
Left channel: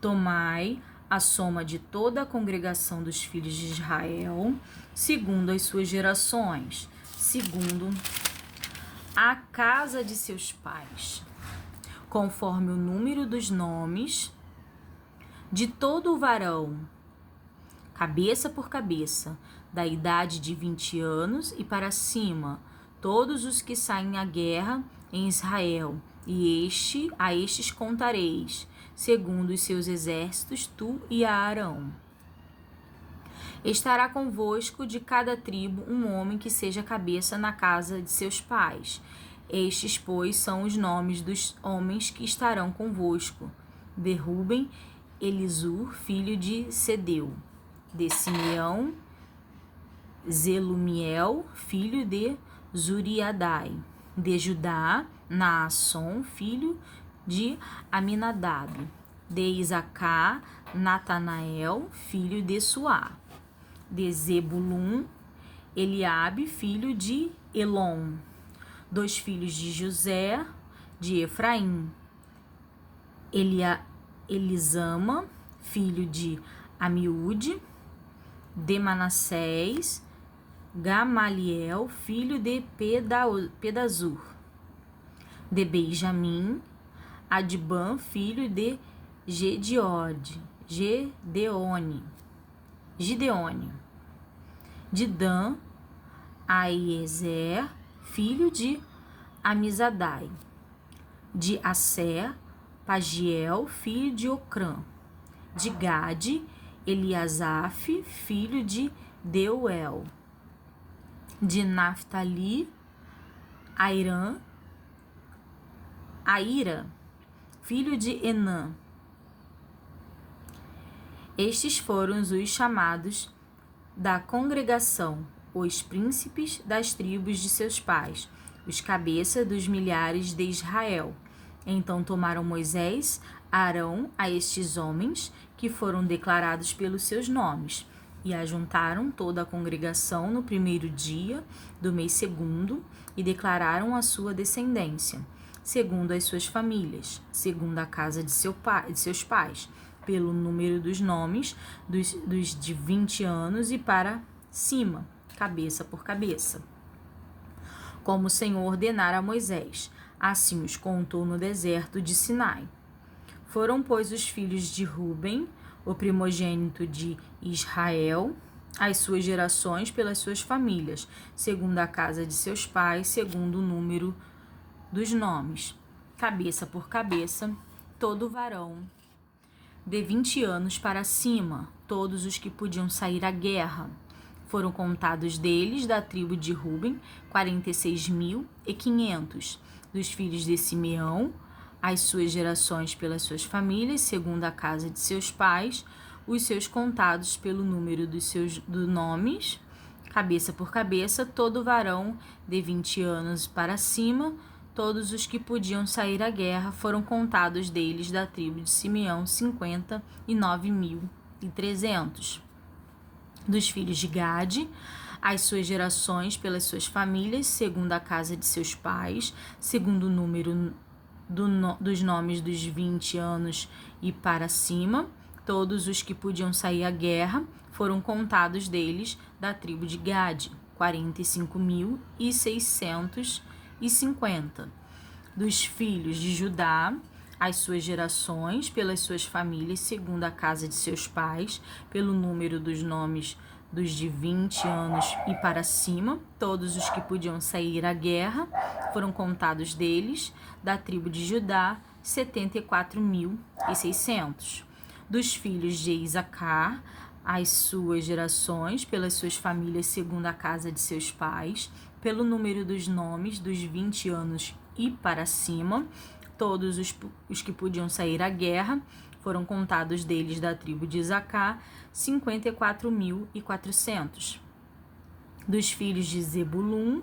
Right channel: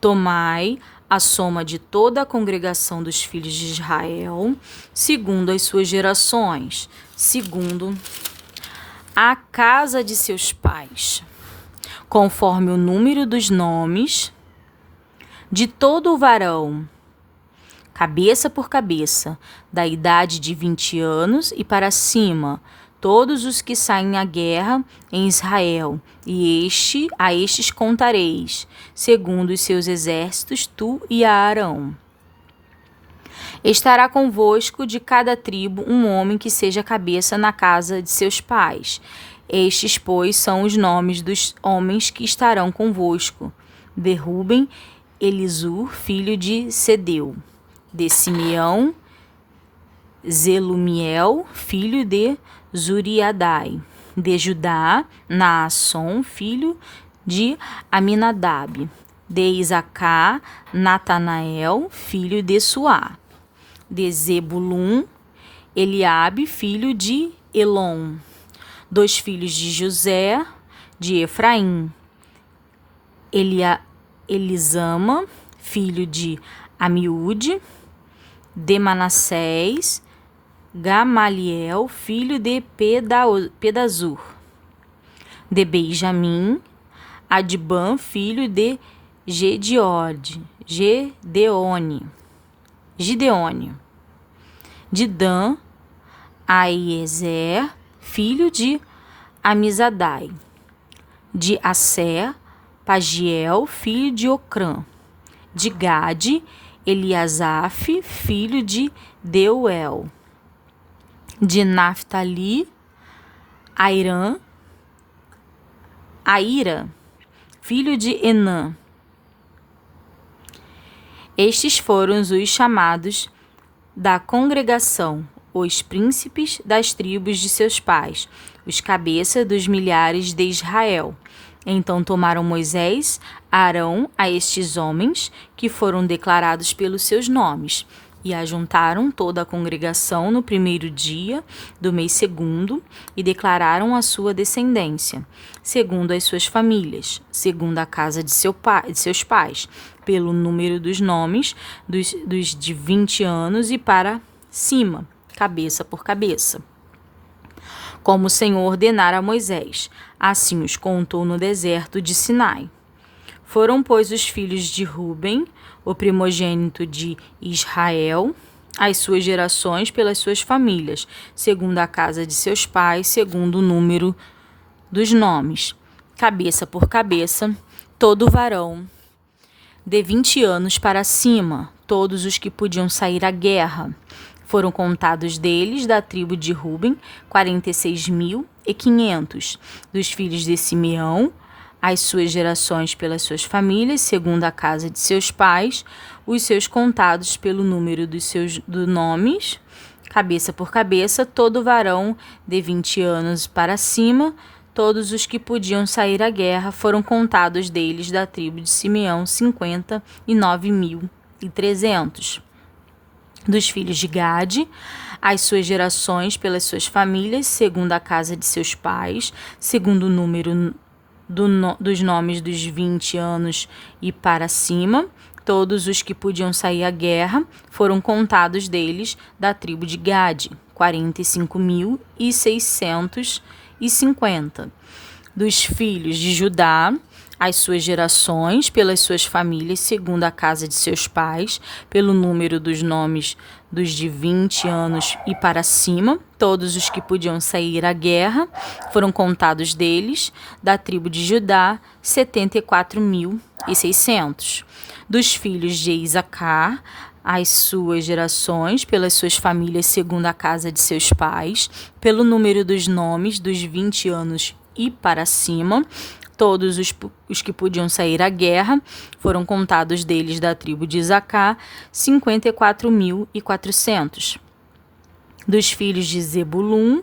Tomai a soma de toda a congregação dos filhos de Israel, segundo as suas gerações, segundo a casa de seus pais, conforme o número dos nomes de todo o varão, cabeça por cabeça, da idade de 20 anos e para cima, todos os que saem à guerra em Israel, e a estes contareis, segundo os seus exércitos, tu e Arão. Estará convosco de cada tribo um homem que seja cabeça na casa de seus pais. Estes, pois, são os nomes dos homens que estarão convosco: de Ruben, Elisur, filho de Sedeu; de Simeão, Zelumiel, filho de Zuriadai; de Judá, Naasson, filho de Aminadab; de Isacar, Natanael, filho de Suá; de Zebulum, Eliabe, filho de Elon; dos filhos de José, de Efraim, Elisama, filho de Amiúde; de Manassés, Gamaliel, filho de Pedazur; de Benjamim, Adibã, filho de Gideone; de Dan, Aiezer, filho de Amizadai. De Assé, Pagiel, filho de Ocrã. De Gade, Eliasaf, filho de Deuel. De Naphtali, Aira, filho de Enã. Estes foram os chamados da congregação, os príncipes das tribos de seus pais, os cabeças dos milhares de Israel. Então tomaram Moisés, Arão a estes homens, que foram declarados pelos seus nomes, e ajuntaram toda a congregação no primeiro dia do mês segundo, e declararam a sua descendência, segundo as suas famílias, segundo a casa de seus pais, pelo número dos nomes dos de 20 anos e para cima, cabeça por cabeça. Como o Senhor ordenara a Moisés, assim os contou no deserto de Sinai. Foram, pois, os filhos de Ruben, o primogênito de Israel, as suas gerações pelas suas famílias, segundo a casa de seus pais, segundo o número dos nomes, cabeça por cabeça, todo varão de 20 anos para cima, todos os que podiam sair à guerra. Foram contados deles, da tribo de Ruben, 46.500. Dos filhos de Simeão, as suas gerações pelas suas famílias, segundo a casa de seus pais, os seus contados pelo número dos seus nomes, cabeça por cabeça, todo varão de 20 anos para cima, todos os que podiam sair à guerra, foram contados deles, da tribo de Simeão, 59.300. Dos filhos de Gade, as suas gerações pelas suas famílias, segundo a casa de seus pais, segundo o número dos nomes dos 20 anos e para cima, todos os que podiam sair à guerra, foram contados deles, da tribo de Gade, 45.650. Dos filhos de Judá, as suas gerações pelas suas famílias, segundo a casa de seus pais, pelo número dos nomes dos de 20 anos e para cima, todos os que podiam sair à guerra, foram contados deles, da tribo de Judá, 74.600. Dos filhos de Isacar, as suas gerações pelas suas famílias, segundo a casa de seus pais, pelo número dos nomes dos 20 anos e para cima, todos os que podiam sair à guerra, foram contados deles, da tribo de Isacar, 54.400. Dos filhos de Zebulun,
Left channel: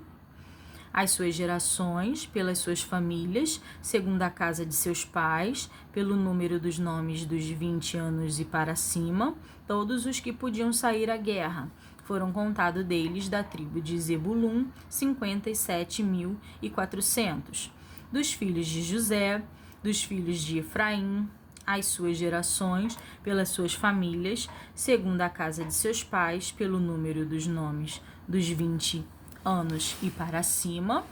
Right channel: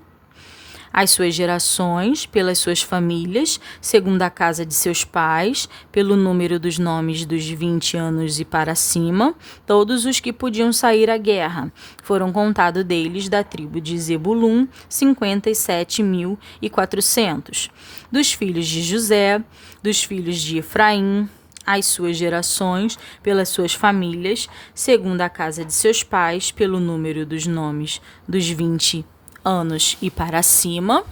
as suas gerações pelas suas famílias, segundo a casa de seus pais, pelo número dos nomes dos 20 anos e para cima, todos os que podiam sair à guerra, foram contados deles, da tribo de Zebulun, 57.400. Dos filhos de José, dos filhos de Efraim, as suas gerações pelas suas famílias, segundo a casa de seus pais, pelo número dos nomes dos 20 anos e para cima,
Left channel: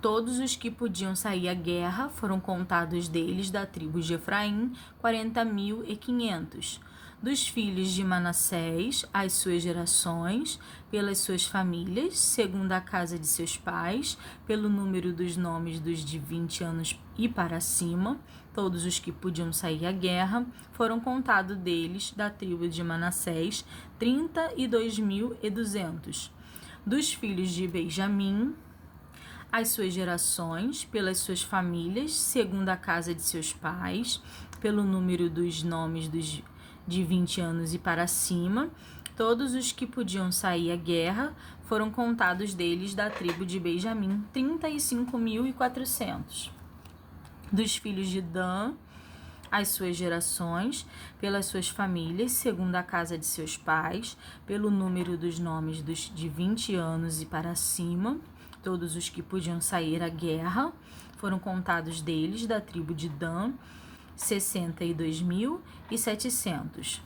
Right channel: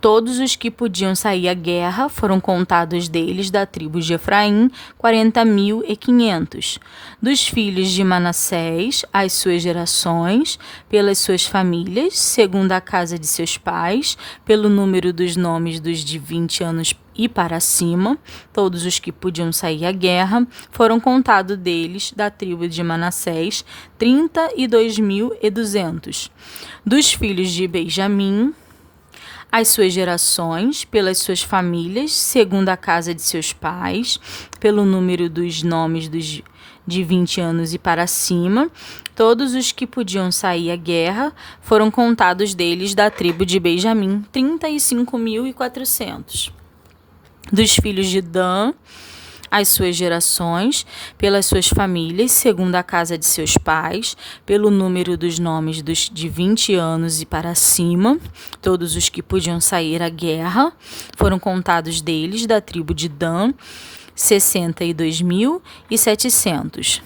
todos os que podiam sair à guerra, foram contados deles, da tribo de Efraim, 40.500. Dos filhos de Manassés, as suas gerações pelas suas famílias, segundo a casa de seus pais, pelo número dos nomes dos de 20 anos e para cima, todos os que podiam sair à guerra, foram contados deles, da tribo de Manassés, 32.200. Dos filhos de Benjamim, as suas gerações pelas suas famílias, segundo a casa de seus pais, pelo número dos nomes dos de 20 anos e para cima, todos os que podiam sair à guerra, foram contados deles, da tribo de Benjamim, 35.400. Dos filhos de Dan, as suas gerações pelas suas famílias, segundo a casa de seus pais, pelo número dos nomes dos de 20 anos e para cima, todos os que podiam sair à guerra, foram contados deles, da tribo de Dan, 62.700.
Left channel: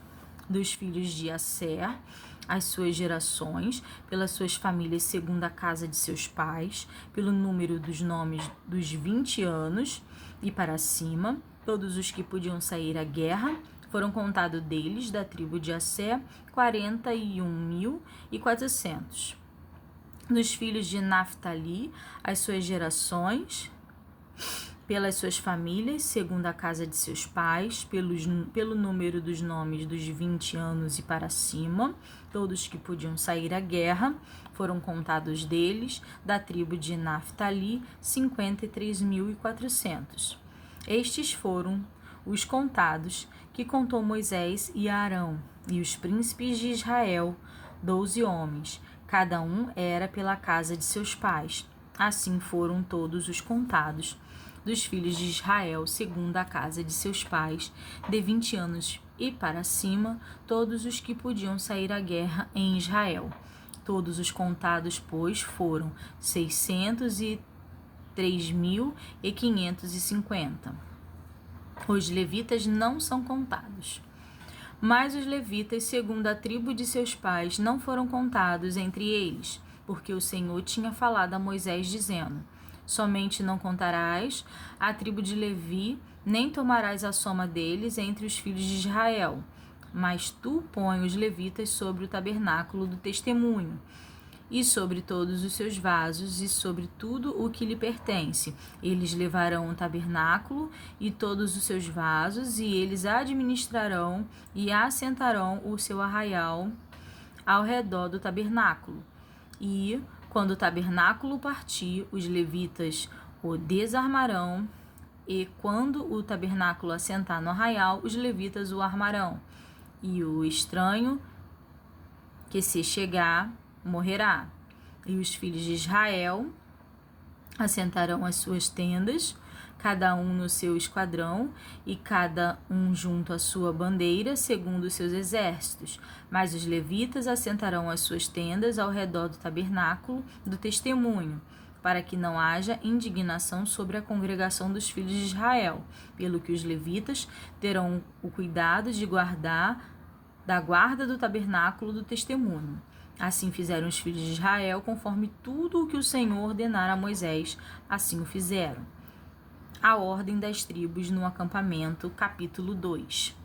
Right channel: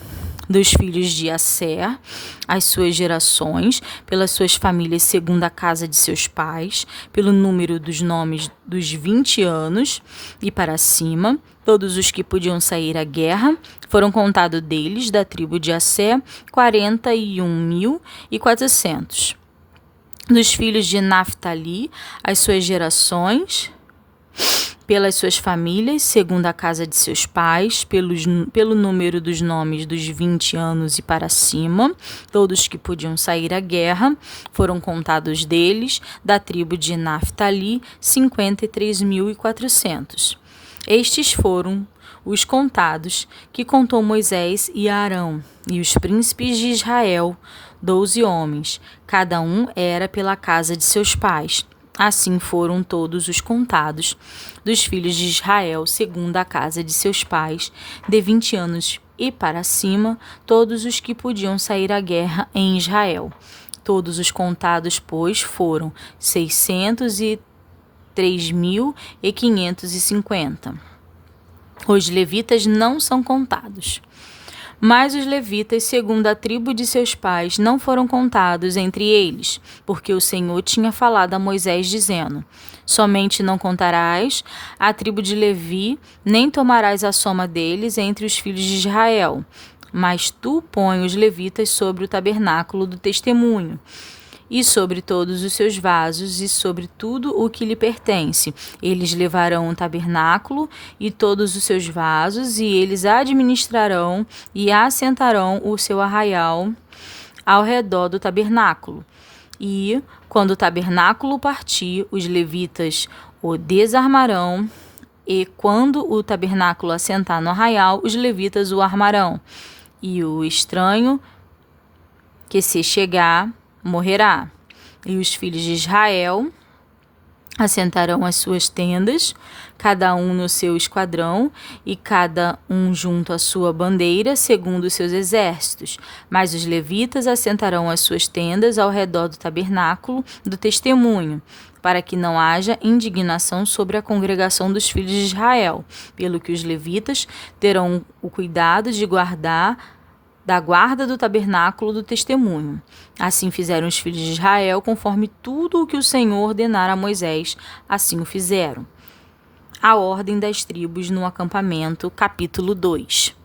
dos filhos de Asser, as suas gerações, pelas suas famílias segundo a casa de seus pais, pelo número dos nomes dos 20 anos e para cima, todos os que podiam sair à guerra, foram contados deles, da tribo de Asser, 41.400. Dos filhos de Naftali, as suas gerações, pelas suas famílias, segundo a casa de seus pais, pelo número dos nomes dos 20 anos e para cima, todos que podiam sair à guerra, foram contados deles, da tribo de Naftali, 53.400. Estes foram os contados que contou Moisés e Arão, e os príncipes de Israel, 12 homens, cada um era pela casa de seus pais. Assim foram todos os contados dos filhos de Israel, segundo a casa de seus pais, de 20 anos e para cima, todos os que podiam sair à guerra em Israel. Todos os contados, pois, foram 603.550. Os levitas não são contados. Mas os levitas, segundo a tribo de seus pais, não foram contados entre eles, porque o Senhor tinha falado a Moisés, dizendo: somente não contarás a tribo de Levi, nem tomarás a soma deles entre os filhos de Israel. Mas tu põe os levitas sobre o tabernáculo do testemunho, e sobre todos os seus vasos, e sobre tudo o que lhe pertence. Eles levarão o tabernáculo e todos os seus vasos, e eles administrarão e assentarão o seu arraial ao redor do tabernáculo. E, quando o tabernáculo partir, os levitas o desarmarão, e quando o tabernáculo assentar no arraial, os levitas o armarão. E o estranho que se chegar morrerá. E os filhos de Israel assentarão as suas tendas, cada um no seu esquadrão, e cada um junto à sua bandeira, segundo os seus exércitos. Mas os levitas assentarão as suas tendas ao redor do tabernáculo do testemunho, para que não haja indignação sobre a congregação dos filhos de Israel, pelo que os levitas terão o cuidado de guardar da guarda do tabernáculo do testemunho. Assim fizeram os filhos de Israel, conforme tudo o que o Senhor ordenara a Moisés, assim o fizeram. A ordem das tribos no acampamento, capítulo 2.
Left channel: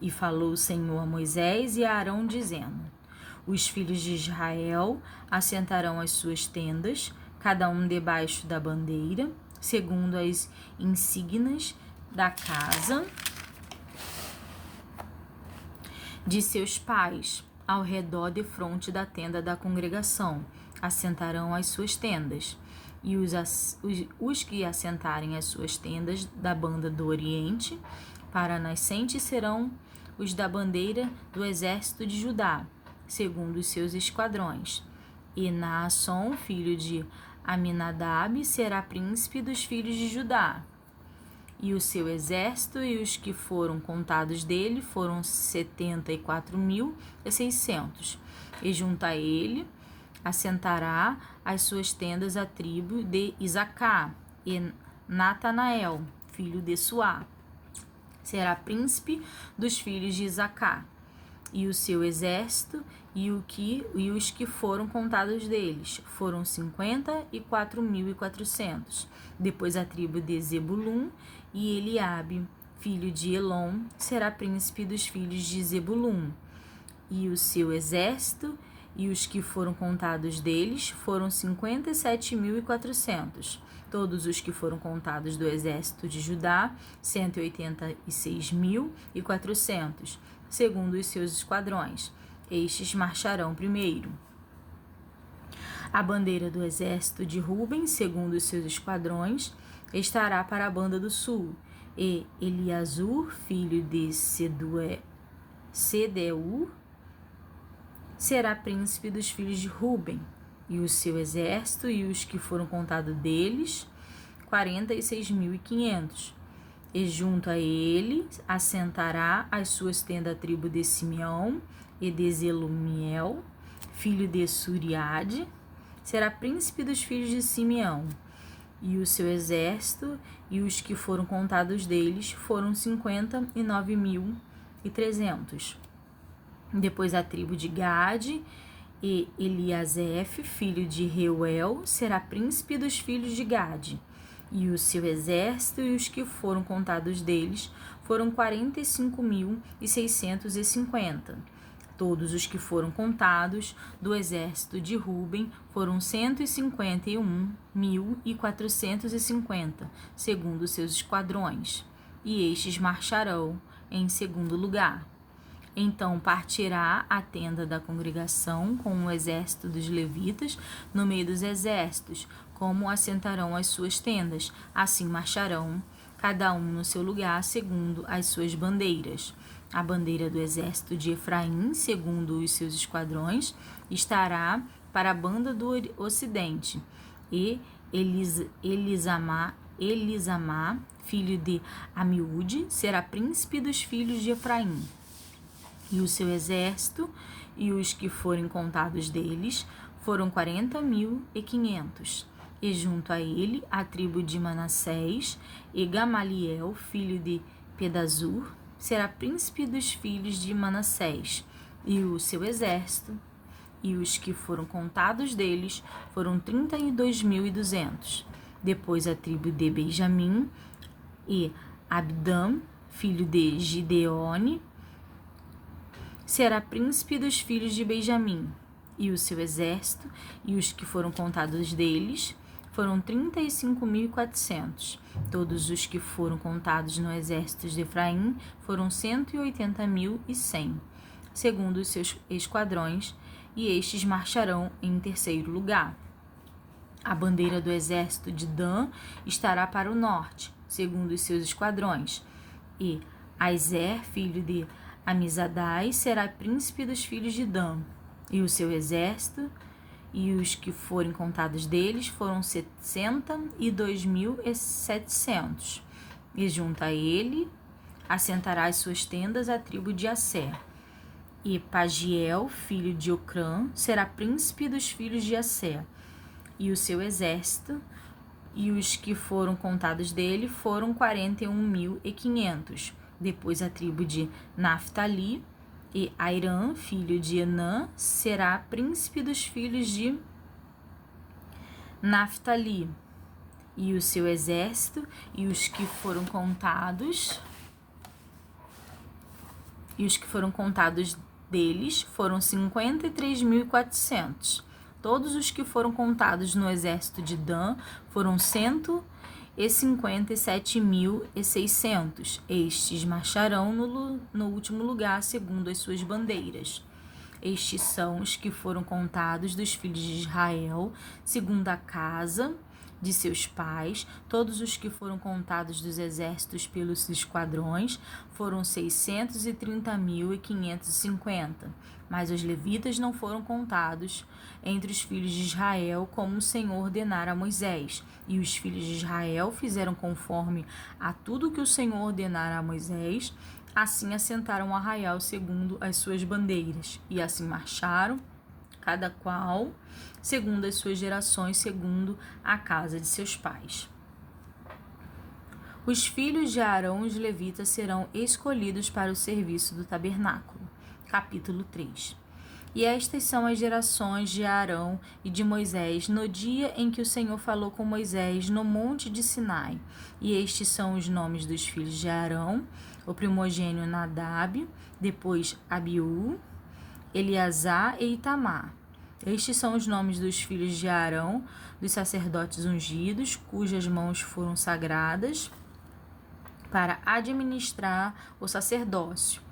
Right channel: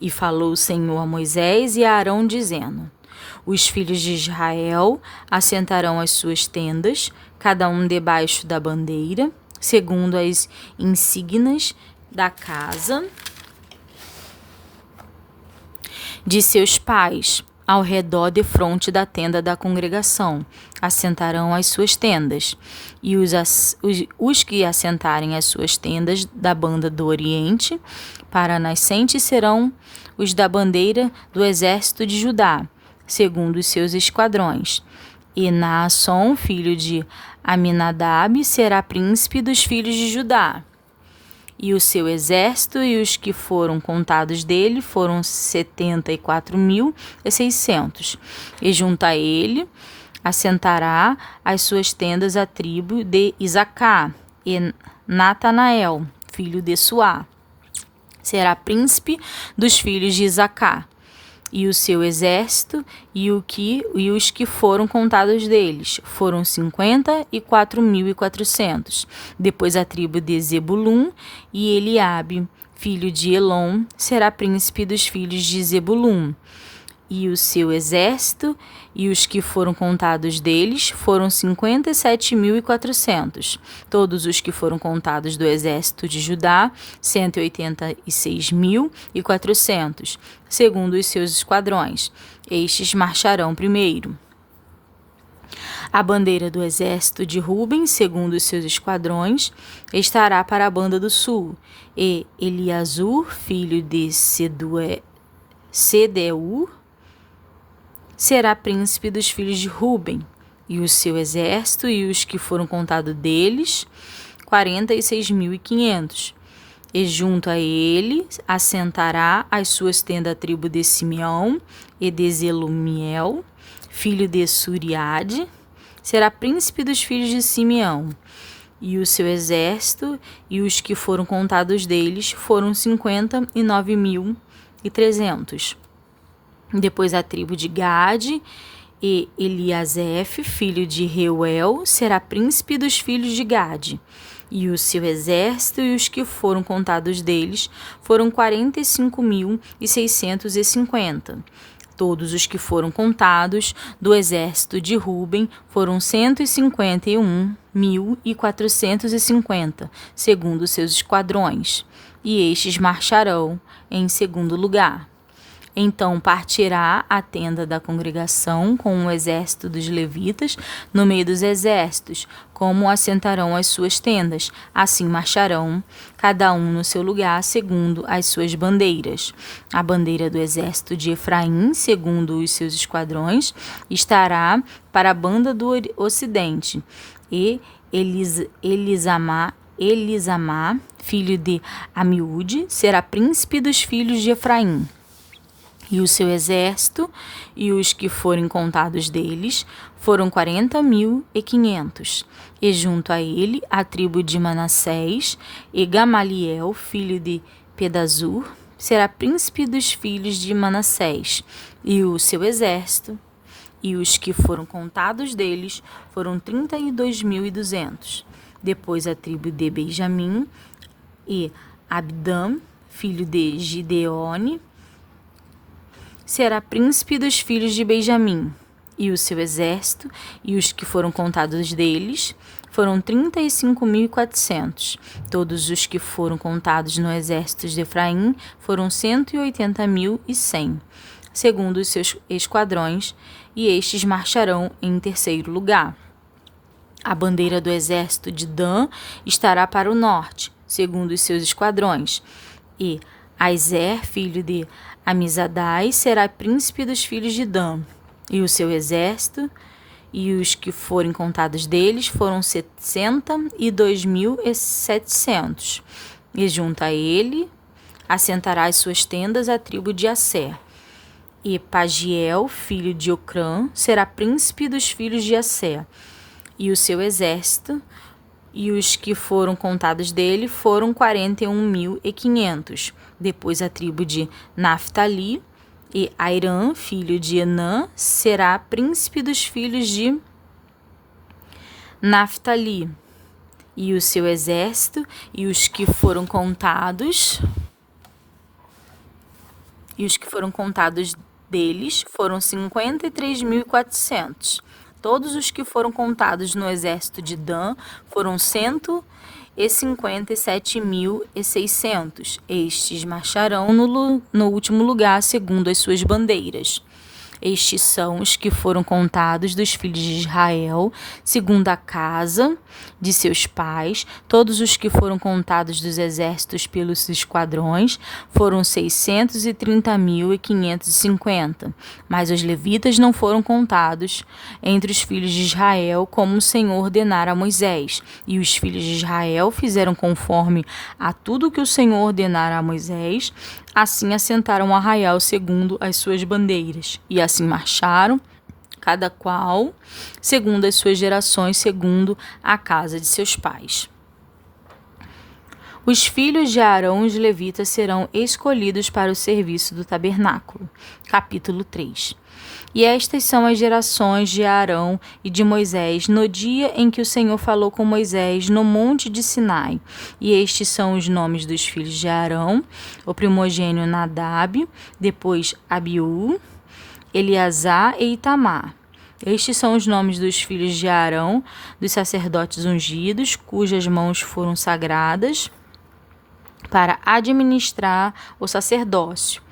E falou o Senhor a Moisés e a Arão, dizendo: os filhos de Israel assentarão as suas tendas, cada um debaixo da bandeira, segundo as insígnias da casa de seus pais, ao redor defronte da tenda da congregação, assentarão as suas tendas. E os que assentarem as suas tendas da banda do Oriente para a nascente serão os da bandeira do exército de Judá, segundo os seus esquadrões. E Naasson, filho de Aminadab, será príncipe dos filhos de Judá. E o seu exército e os que foram contados dele foram 74.600. E junto a ele assentará as suas tendas a tribo de Isacar, e Natanael, filho de Suá, será príncipe dos filhos de Isacar. E o seu exército e os que foram contados deles foram 54.400. Depois a tribo de Zebulum, e Eliabe, filho de Elon, será príncipe dos filhos de Zebulum. E o seu exército e os que foram contados deles foram 57.400. Todos os que foram contados do exército de Judá, 186.400, segundo os seus esquadrões. Estes marcharão primeiro. A bandeira do exército de Ruben, segundo os seus esquadrões, estará para a banda do sul. E Eliasur, filho de Sedeur, será príncipe dos filhos de Ruben, e o seu exército e os que foram contados deles, 46.500. E junto a ele assentará as suas tendas a tribo de Simeão, e de Zelumiel, filho de Suriade, será príncipe dos filhos de Simeão. E o seu exército e os que foram contados deles foram 59.300. Depois a tribo de Gade, e Eliasef, filho de Reuel, será príncipe dos filhos de Gade. E o seu exército e os que foram contados deles foram 45.650. Todos os que foram contados do exército de Ruben foram 151.450, segundo seus esquadrões, e estes marcharão em segundo lugar. Então partirá a tenda da congregação com o exército dos levitas no meio dos exércitos, como assentarão as suas tendas. Assim marcharão, cada um no seu lugar, segundo as suas bandeiras. A bandeira do exército de Efraim, segundo os seus esquadrões, estará para a banda do ocidente. E Elisamá, filho de Amiúde, será príncipe dos filhos de Efraim. E o seu exército e os que forem contados deles foram 40.500. E junto a ele a tribo de Manassés, e Gamaliel, filho de Pedazur, será príncipe dos filhos de Manassés. E o seu exército e os que foram contados deles foram 32.200. Depois a tribo de Benjamim, e Abdã, filho de Gideone, será príncipe dos filhos de Benjamim, e o seu exército, e os que foram contados deles, foram 35.400. Todos os que foram contados no exército de Efraim foram 180.100, segundo os seus esquadrões, e estes marcharão em terceiro lugar. A bandeira do exército de Dan estará para o norte, segundo os seus esquadrões, e Aizer, filho de Amizadai, será príncipe dos filhos de Dan, e o seu exército, e os que forem contados deles foram 62.700. E junto a ele assentará as suas tendas a tribo de Asser. E Pagiel, filho de Ocrã, será príncipe dos filhos de Asser, e o seu exército, e os que foram contados dele foram 41.500. Depois a tribo de Naftali, e Airã, filho de Enã, será príncipe dos filhos de Naftali, e o seu exército, e os que foram contados deles foram 53.400. Todos os que foram contados no exército de Dan foram 157.600. Estes marcharão no último lugar, segundo as suas bandeiras. Estes são os que foram contados dos filhos de Israel, segundo a casa de seus pais. Todos os que foram contados dos exércitos pelos esquadrões foram 630.550. Mas os levitas não foram contados entre os filhos de Israel, como o Senhor ordenara a Moisés. E os filhos de Israel fizeram conforme a tudo que o Senhor ordenara a Moisés. Assim assentaram o arraial segundo as suas bandeiras, e assim marcharam, cada qual segundo as suas gerações, segundo a casa de seus pais. Os filhos de Arão, os levitas, serão escolhidos para o serviço do tabernáculo. Capítulo 3. E estas são as gerações de Arão e de Moisés no dia em que o Senhor falou com Moisés no monte de Sinai. E estes são os nomes dos filhos de Arão: o primogênito Nadab, depois Abiú, Eleazar e Itamar. Estes são os nomes dos filhos de Arão, dos sacerdotes ungidos, cujas mãos foram sagradas para administrar o sacerdócio.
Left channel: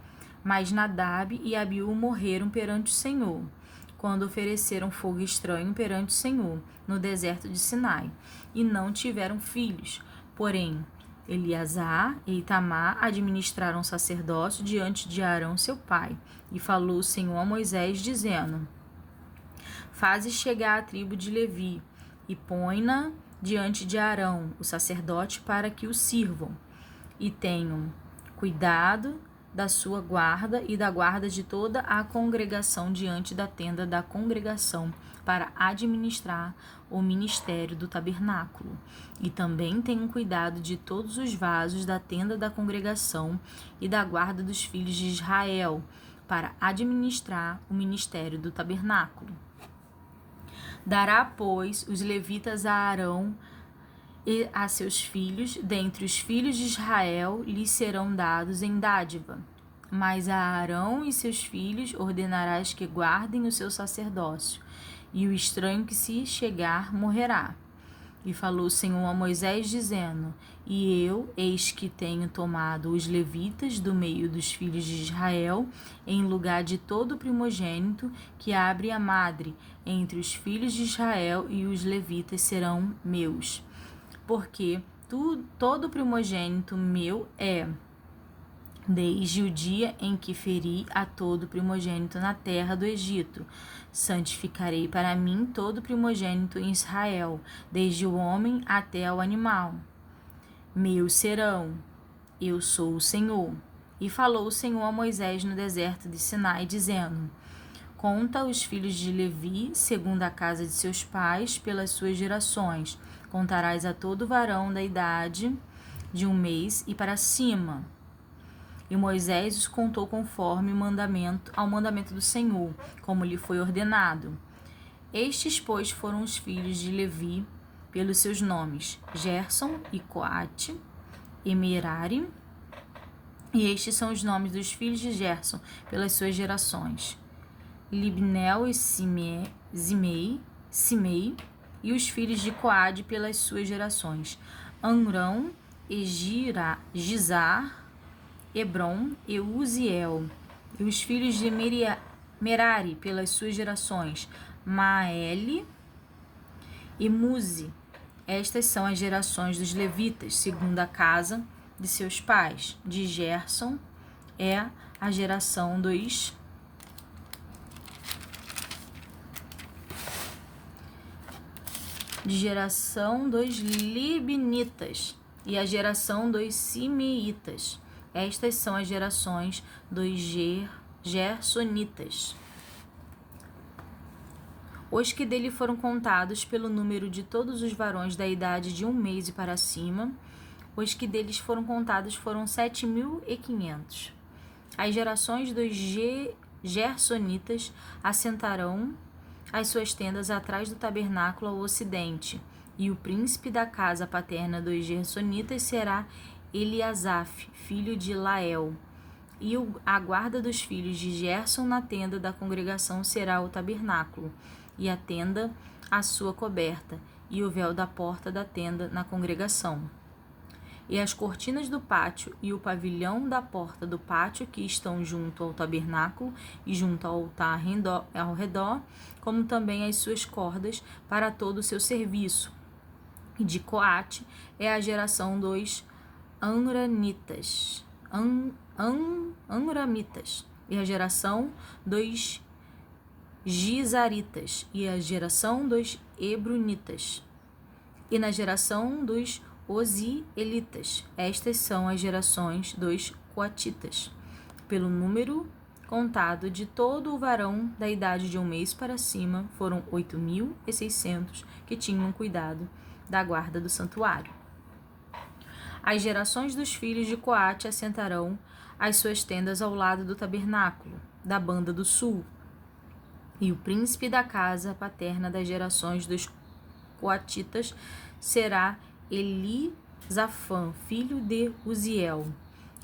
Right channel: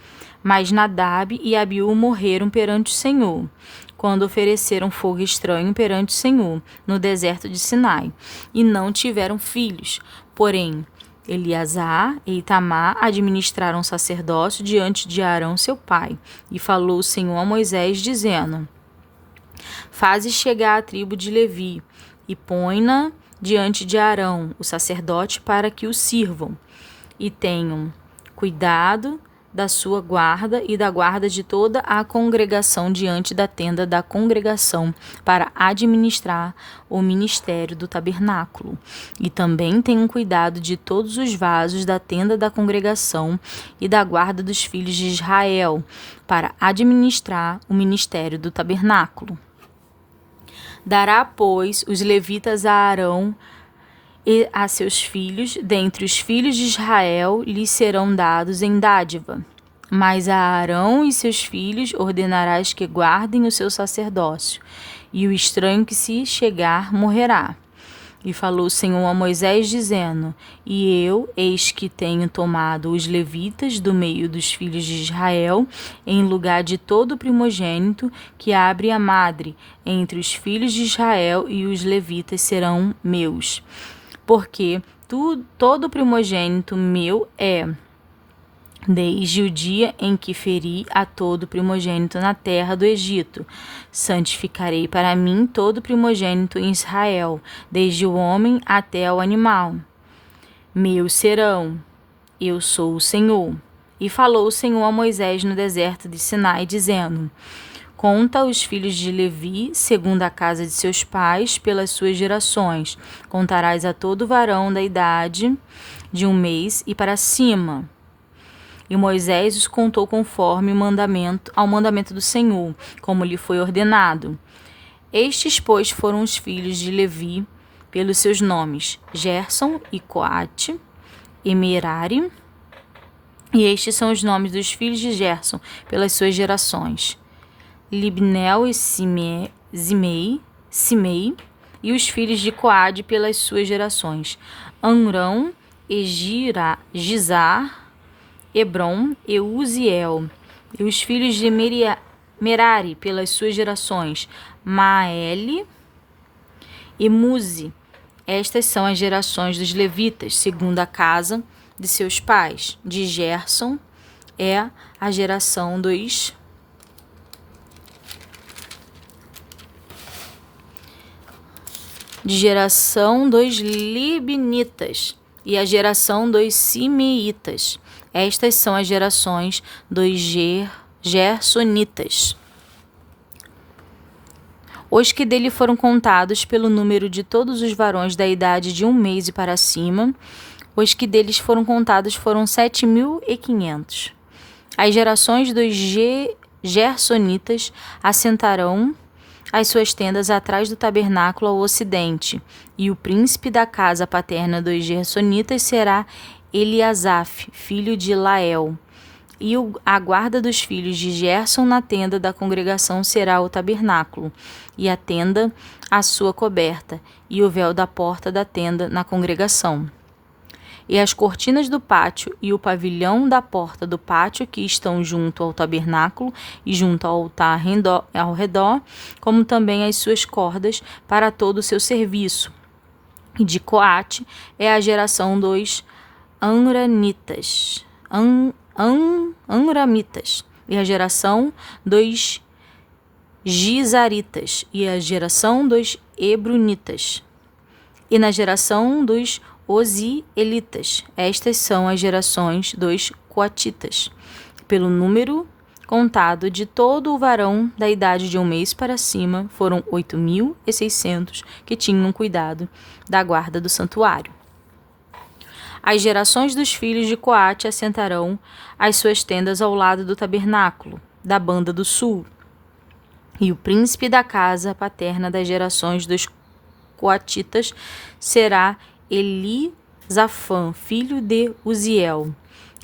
Mas Nadab e Abiú morreram perante o Senhor, quando ofereceram fogo estranho perante o Senhor, no deserto de Sinai, e não tiveram filhos. Porém, Eleazar e Itamar administraram o sacerdócio diante de Arão, seu pai. E falou o Senhor a Moisés, dizendo: Faze chegar a tribo de Levi, e põe-na diante de Arão, o sacerdote, para que o sirvam, e tenham cuidado da sua guarda e da guarda de toda a congregação diante da tenda da congregação, para administrar o ministério do tabernáculo. E também tenham cuidado de todos os vasos da tenda da congregação e da guarda dos filhos de Israel, para administrar o ministério do tabernáculo. Dará, pois, os levitas a Arão e a seus filhos, dentre os filhos de Israel, lhes serão dados em dádiva. Mas a Arão e seus filhos ordenarás que guardem o seu sacerdócio, e o estranho que se chegar morrerá. E falou o Senhor a Moisés, dizendo: E eu, eis que tenho tomado os levitas do meio dos filhos de Israel, em lugar de todo primogênito que abre a madre entre os filhos de Israel, e os levitas serão meus. Porque todo primogênito meu é, desde o dia em que feri a todo primogênito na terra do Egito. Santificarei para mim todo primogênito em Israel, desde o homem até o animal. Meus serão, eu sou o Senhor. E falou o Senhor a Moisés no deserto de Sinai, dizendo: Conta os filhos de Levi, segundo a casa de seus pais, pelas suas gerações. Contarás a todo varão da idade de 1 mês e para cima. E Moisés os contou conforme ao mandamento do Senhor, como lhe foi ordenado. Estes, pois, foram os filhos de Levi, pelos seus nomes: Gerson e Coate e Merari. E estes são os nomes dos filhos de Gerson, pelas suas gerações: Libnel e Simei, e os filhos de Coade pelas suas gerações: Amrão e Gizar, Hebron e Uziel. E os filhos de Merari pelas suas gerações: Maele e Muzi. Estas são as gerações dos levitas, segundo a casa de seus pais. De Gerson é a geração dos libnitas e a geração dos simeitas. Estas são as gerações dos gersonitas. Os que dele foram contados pelo número de todos os varões da idade de 1 mês e para cima, os que deles foram contados foram 7.500. As gerações dos gersonitas assentarão as suas tendas atrás do tabernáculo ao ocidente, e o príncipe da casa paterna dos gersonitas será Eliasaf, filho de Lael. E a guarda dos filhos de Gerson na tenda da congregação será o tabernáculo, e a tenda a sua coberta, e o véu da porta da tenda na congregação. E as cortinas do pátio e o pavilhão da porta do pátio que estão junto ao tabernáculo e junto ao altar ao redor, como também as suas cordas para todo o seu serviço. E de Coate é a geração dos Amramitas, e a geração dos Gizaritas, e a geração dos Hebronitas, e na geração dos Ozielitas. Estas são as gerações dos Coatitas, pelo número contado de todo o varão da idade de 1 mês para cima, foram 8.600 que tinham cuidado da guarda do santuário. As gerações dos filhos de Coate assentarão as suas tendas ao lado do tabernáculo, da banda do sul. E o príncipe da casa paterna das gerações dos Coatitas será Elisafã, filho de Uziel.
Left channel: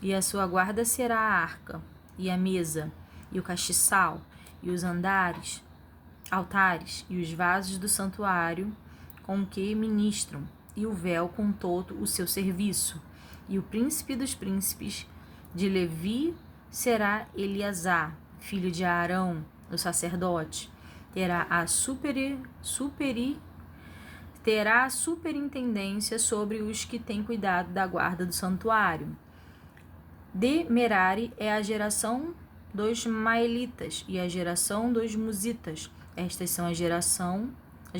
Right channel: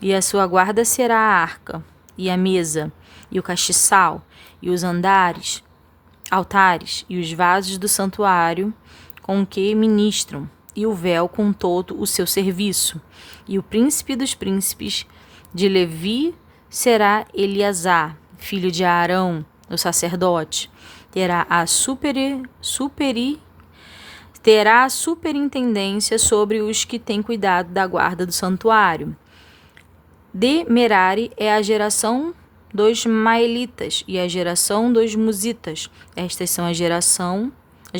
E a sua guarda será a arca, e a mesa, e o castiçal, e os altares, e os vasos do santuário com que ministram, e o véu com todo o seu serviço. E o príncipe dos príncipes de Levi será Eleazar, filho de Arão, o sacerdote. Terá a superintendência sobre os que têm cuidado da guarda do santuário. De Merari é a geração dos Maelitas e a geração dos Musitas. Estas são as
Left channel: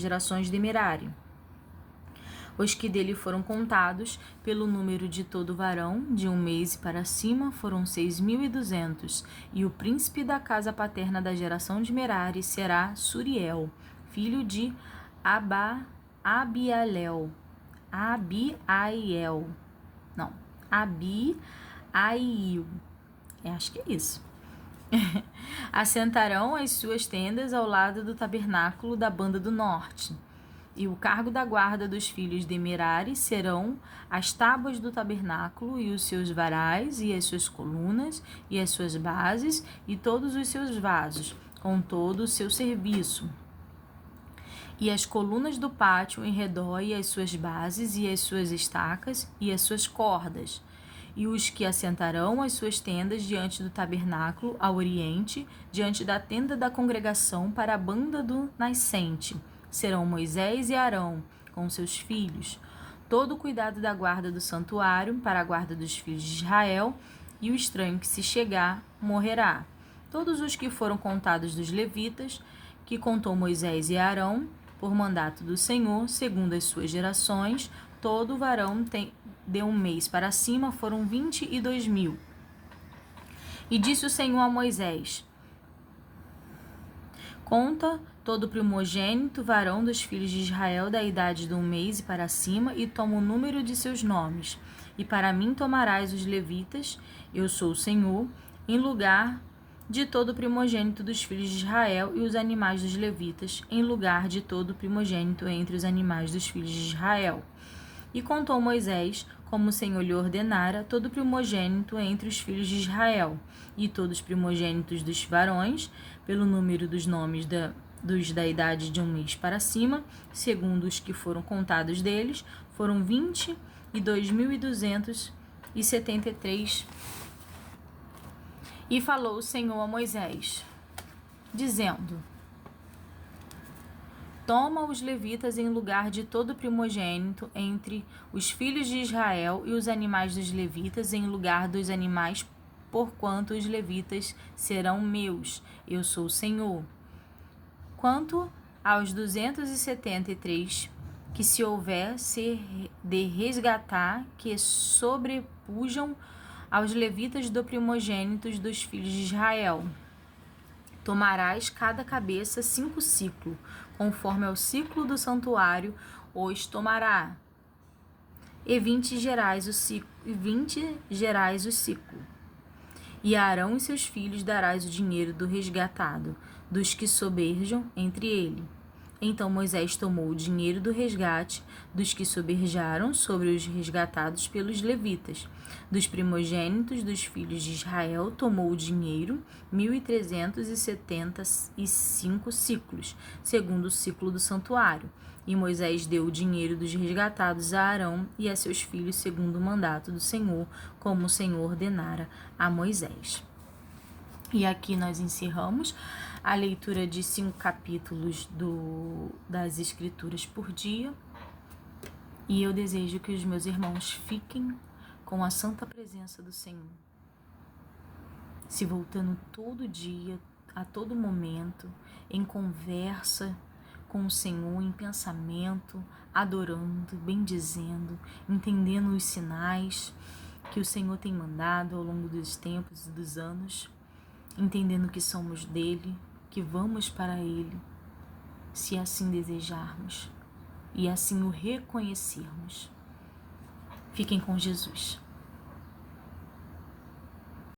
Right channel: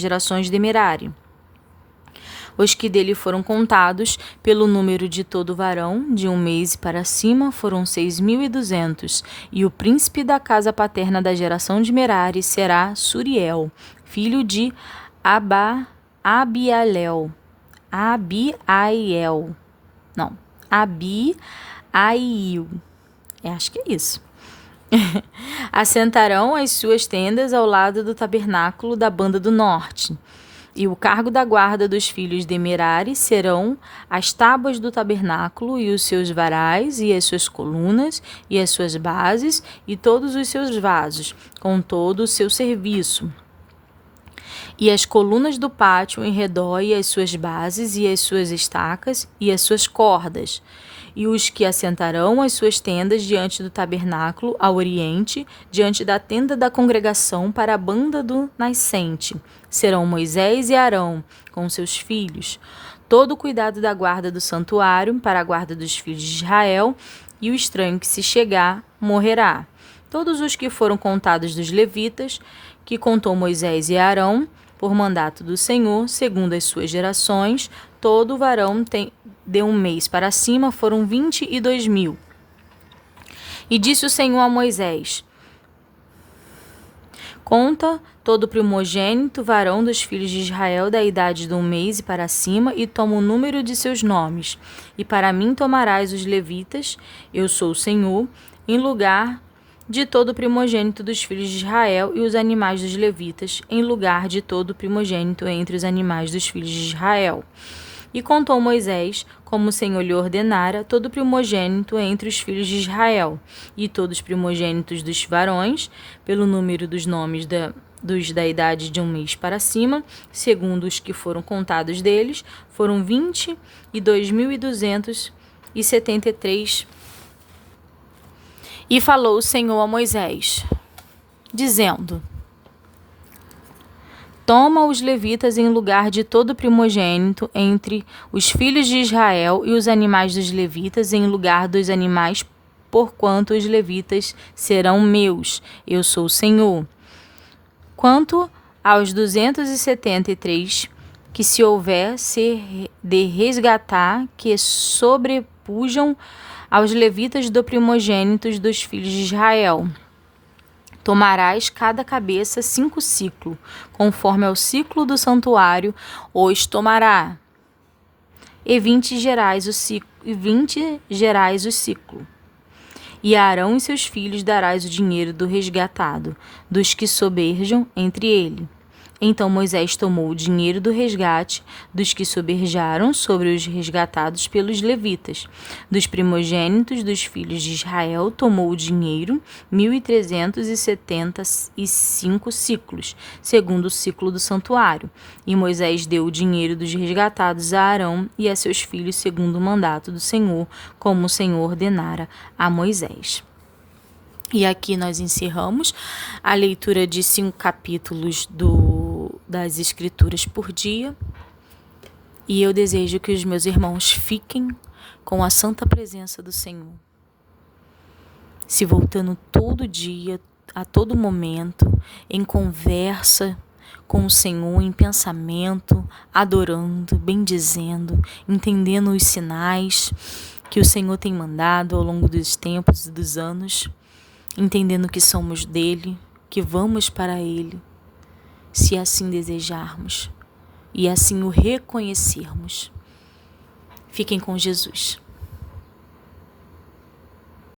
gerações de Merari. Os que dele foram contados, pelo número de todo varão, de 1 mês para cima, foram 6.200. E o príncipe da casa paterna da geração de Merari será Suriel, filho de Abiaiel. Acho que é isso. Assentarão as suas tendas ao lado do tabernáculo da banda do norte. E o cargo da guarda dos filhos de Merari serão as tábuas do tabernáculo e os seus varais e as suas colunas e as suas bases e todos os seus vasos, com todo o seu serviço. E as colunas do pátio em redor e as suas bases e as suas estacas e as suas cordas. E os que assentarão as suas tendas diante do tabernáculo ao oriente, diante da tenda da congregação para a banda do nascente, serão Moisés e Arão, com seus filhos. Todo o cuidado da guarda do santuário para a guarda dos filhos de Israel, e o estranho que se chegar morrerá. Todos os que foram contados dos levitas, que contou Moisés e Arão, por mandato do Senhor, segundo as suas gerações, todo varão de 1 mês para cima foram 22.000. E disse o Senhor a Moisés: conta todo primogênito varão dos filhos de Israel da idade de 1 mês e para cima, e toma o número de seus nomes. E para mim tomarás os levitas, eu sou o Senhor, em lugar de todo primogênito dos filhos de Israel, e os animais dos levitas, em lugar de todo primogênito entre os animais dos filhos de Israel. E contou Moisés, como o Senhor lhe ordenara, todo primogênito entre os filhos de Israel, e todos os primogênitos dos varões, pelo número dos nomes dos da idade de 1 mês para cima, segundo os que foram contados deles, foram 22.273. E falou o Senhor a Moisés, dizendo: toma os levitas em lugar de todo primogênito entre os filhos de Israel, e os animais dos levitas em lugar dos animais, porquanto os levitas serão meus. Eu sou o Senhor. Quanto aos 273 que se houver ser de resgatar, que sobrepujam aos levitas do primogênitos dos filhos de Israel, tomarás cada cabeça 5 ciclos, conforme ao ciclo do santuário, os tomará, e 20 gerais o ciclo. E a Arão e seus filhos darás o dinheiro do resgatado, dos que soberjam entre ele. Então Moisés tomou o dinheiro do resgate dos que soberjaram sobre os resgatados pelos levitas. Dos primogênitos dos filhos de Israel tomou o dinheiro 1.375 ciclos, segundo o ciclo do santuário. E Moisés deu o dinheiro dos resgatados a Arão e a seus filhos segundo o mandato do Senhor, como o Senhor ordenara a Moisés. E aqui nós encerramos a leitura de 5 capítulos das Escrituras por dia. E eu desejo que os meus irmãos fiquem com a santa presença do Senhor, se voltando todo dia, a todo momento, em conversa com o Senhor, em pensamento, adorando, bendizendo, entendendo os sinais que o Senhor tem mandado ao longo dos tempos e dos anos, entendendo que somos dele, que vamos para ele, se assim desejarmos e assim o reconhecermos. Fiquem com Jesus.